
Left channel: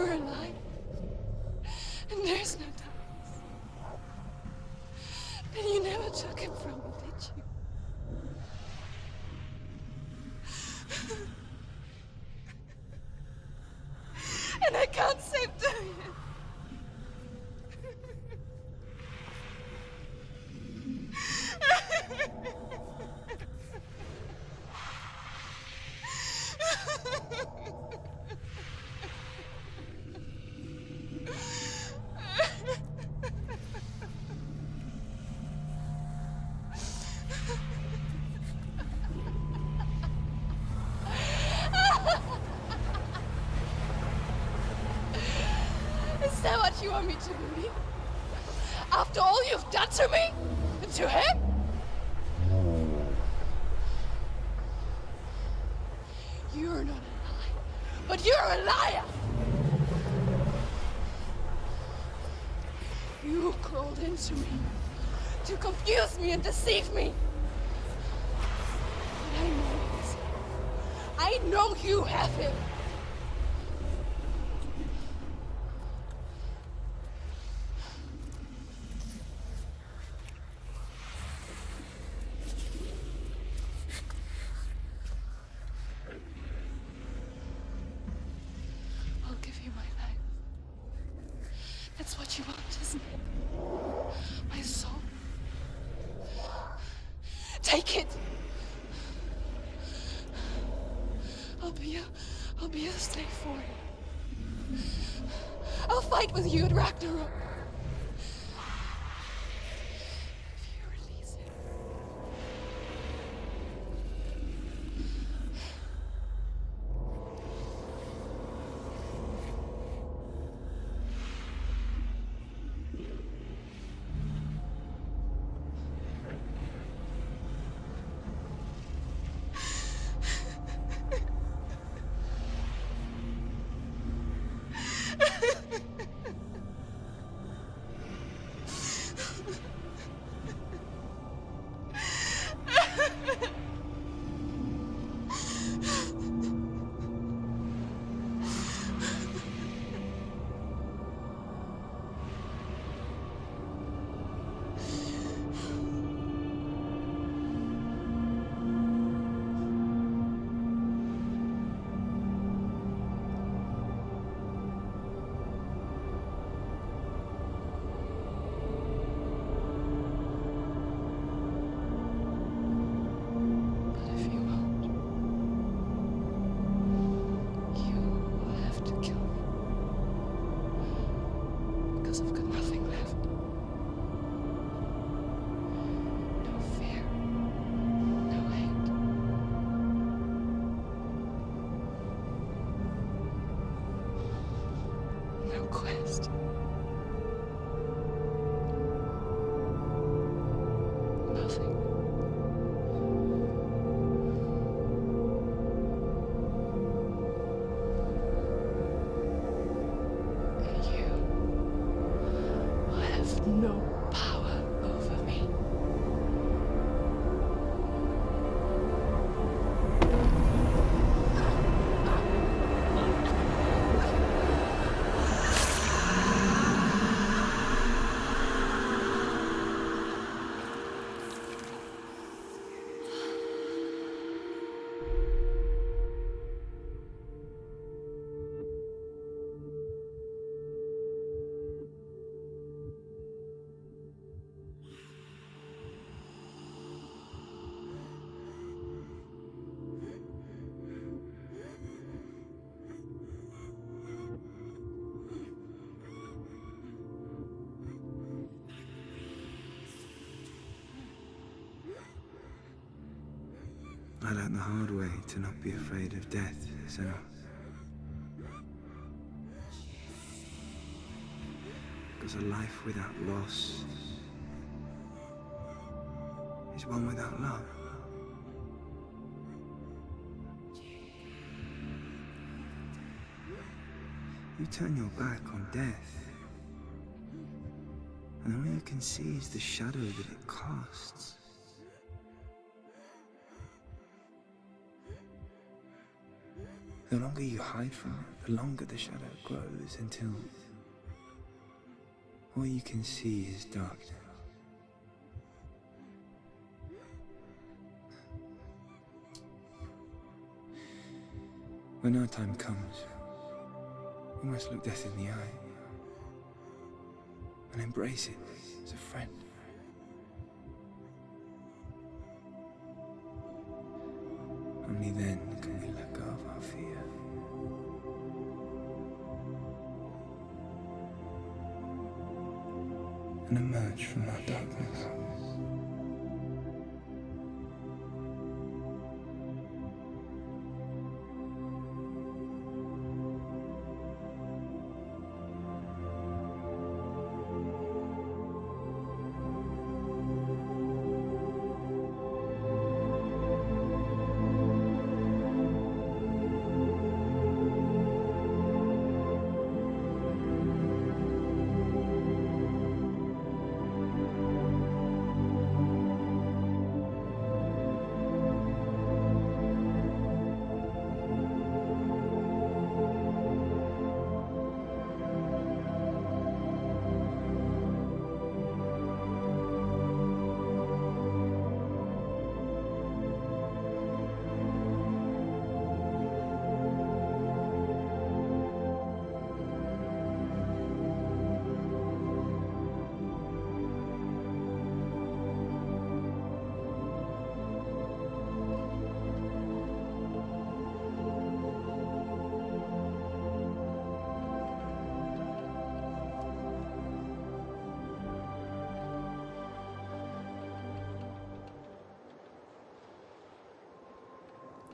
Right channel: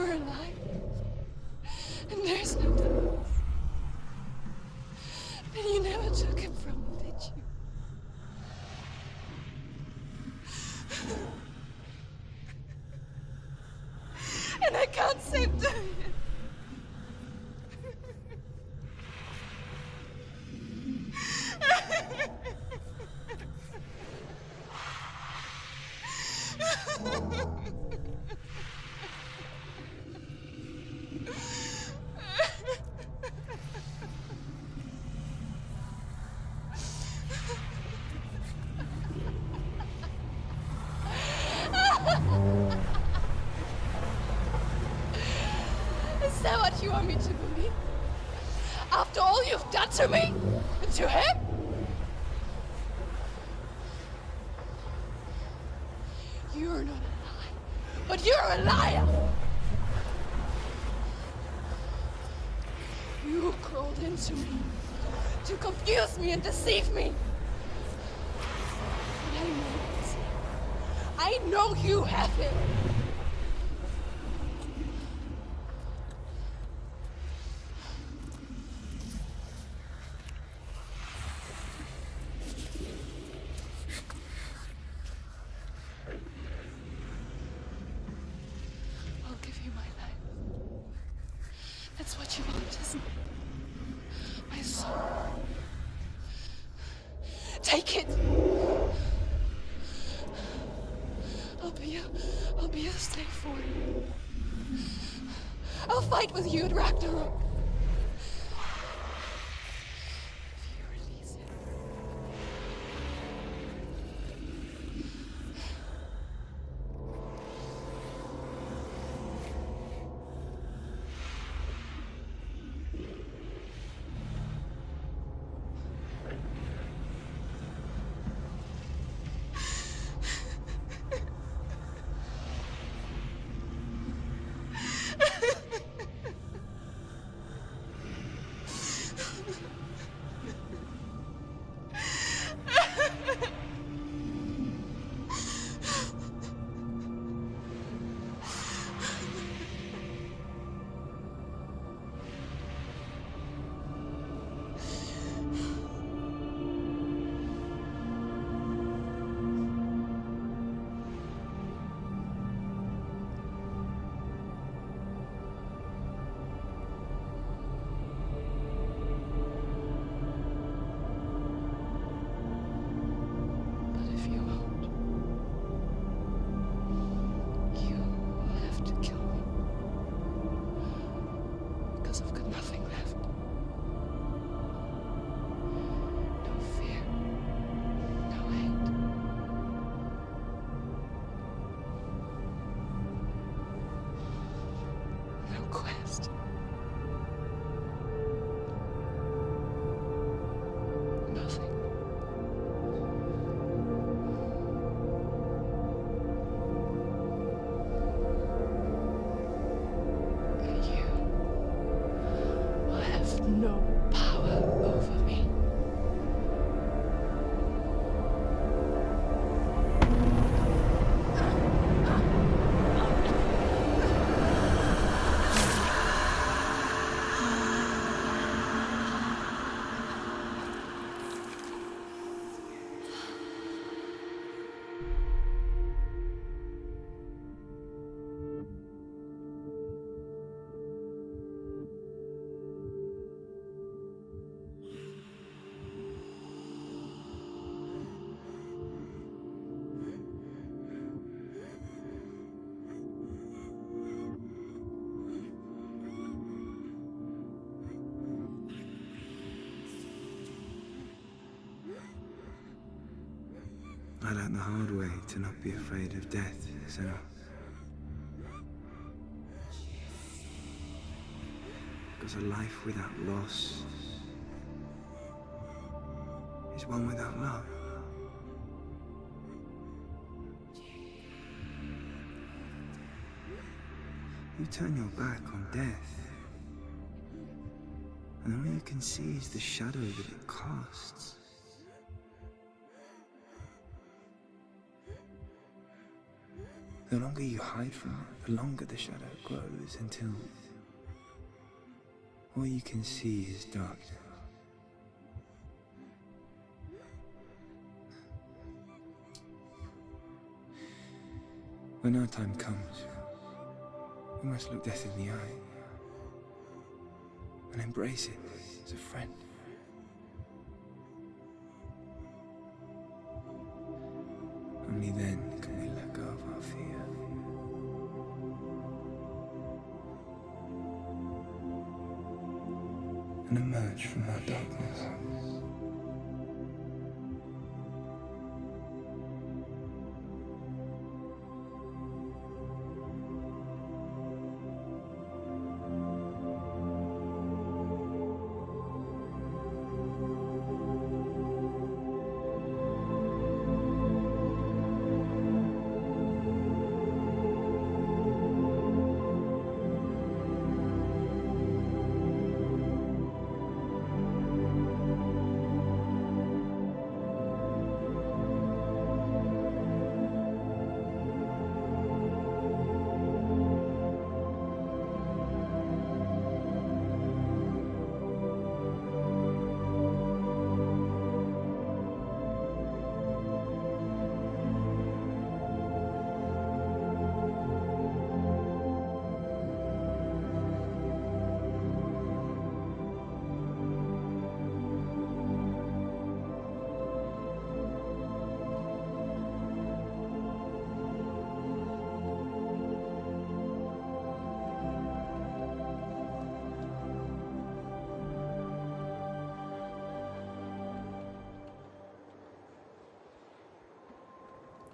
You're alive. And there's no darkness. But you never took him from me, did you? And I can't save Dorian. Is that what you want me to believe? After all you've done to me? And to him? You're not a lie, but you're a liar! You crawled into me to confuse me and deceive me. But I know he's here. I know you have him. I'll give you my life. That's what you want, isn't it? My soul. Take it. I'll be a slave for you. I'll fight with you at Ragnarok. If you release it. I've got nothing left. No fear. No hate. No quest. Nothing. And you will have no power over me. I learned the hard way to not be afraid of death, Sarah. Because a life without loss is one without love. You turn your back on death, and all you can see is the shadow that it casts. The longer you hide from it, the longer the shadow grows until all you can see is darkness. When our time comes, we must look death in the eye and embrace it as a friend. Only then can we let go of our fear. And emerge from our darkness.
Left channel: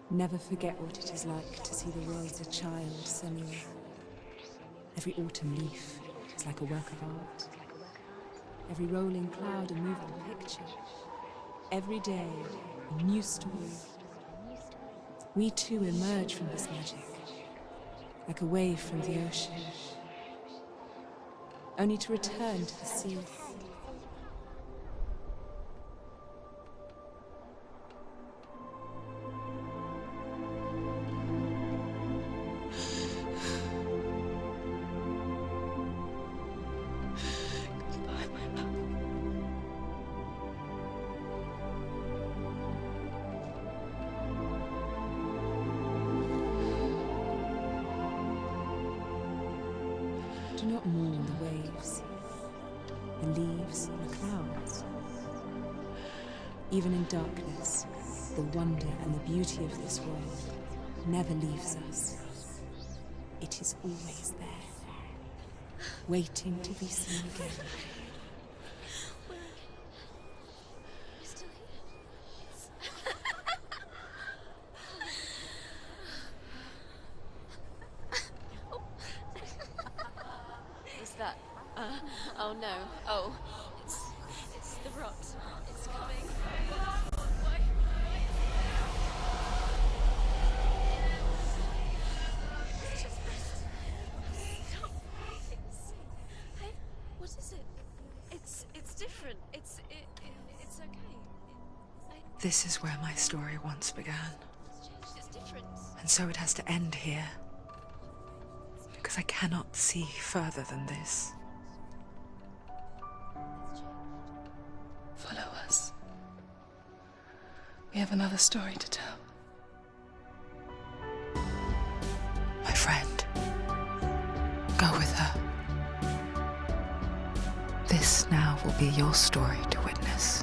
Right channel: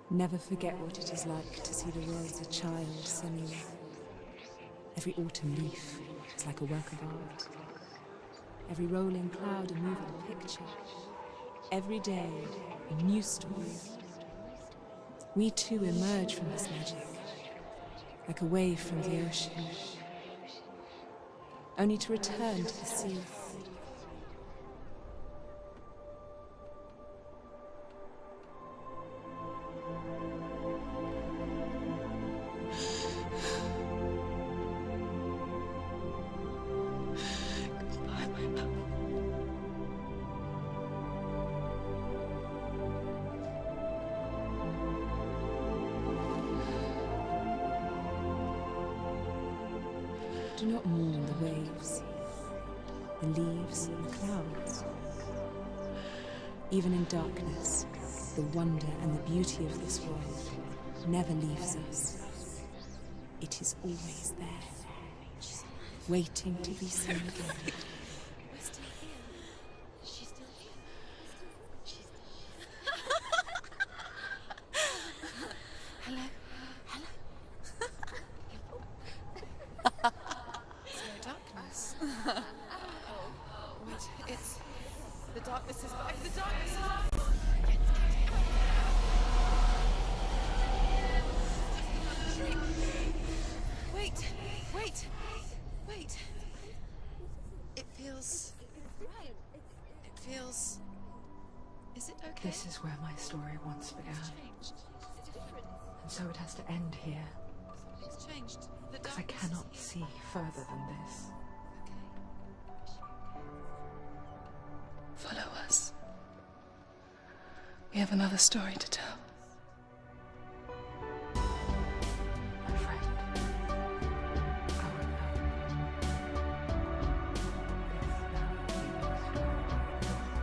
Never forget what it is like to see the world as a child, Senua. Every autumn leaf is like a work of art. Every rolling cloud a moving picture. Every day a new story. We too emerge from this magic, like a wave from the ocean, only to return to the sea. Do not mourn the waves, the leaves, and the clouds. Even in darkness, the wonder and the beauty of this world never leaves us. It is always there, waiting to be seen again. Oh no. Oh. It's the rocks. The darkness is back. The darkness is back. Wait. What is it? It feels... It's different. It feels... It's okay. Is it okay? This is where my story once began. It's different. And so it has to end here, It's changed. because I cannot see further than this. Follow us. We have another story to tell. My friend, go with her. This now will be your story to witness.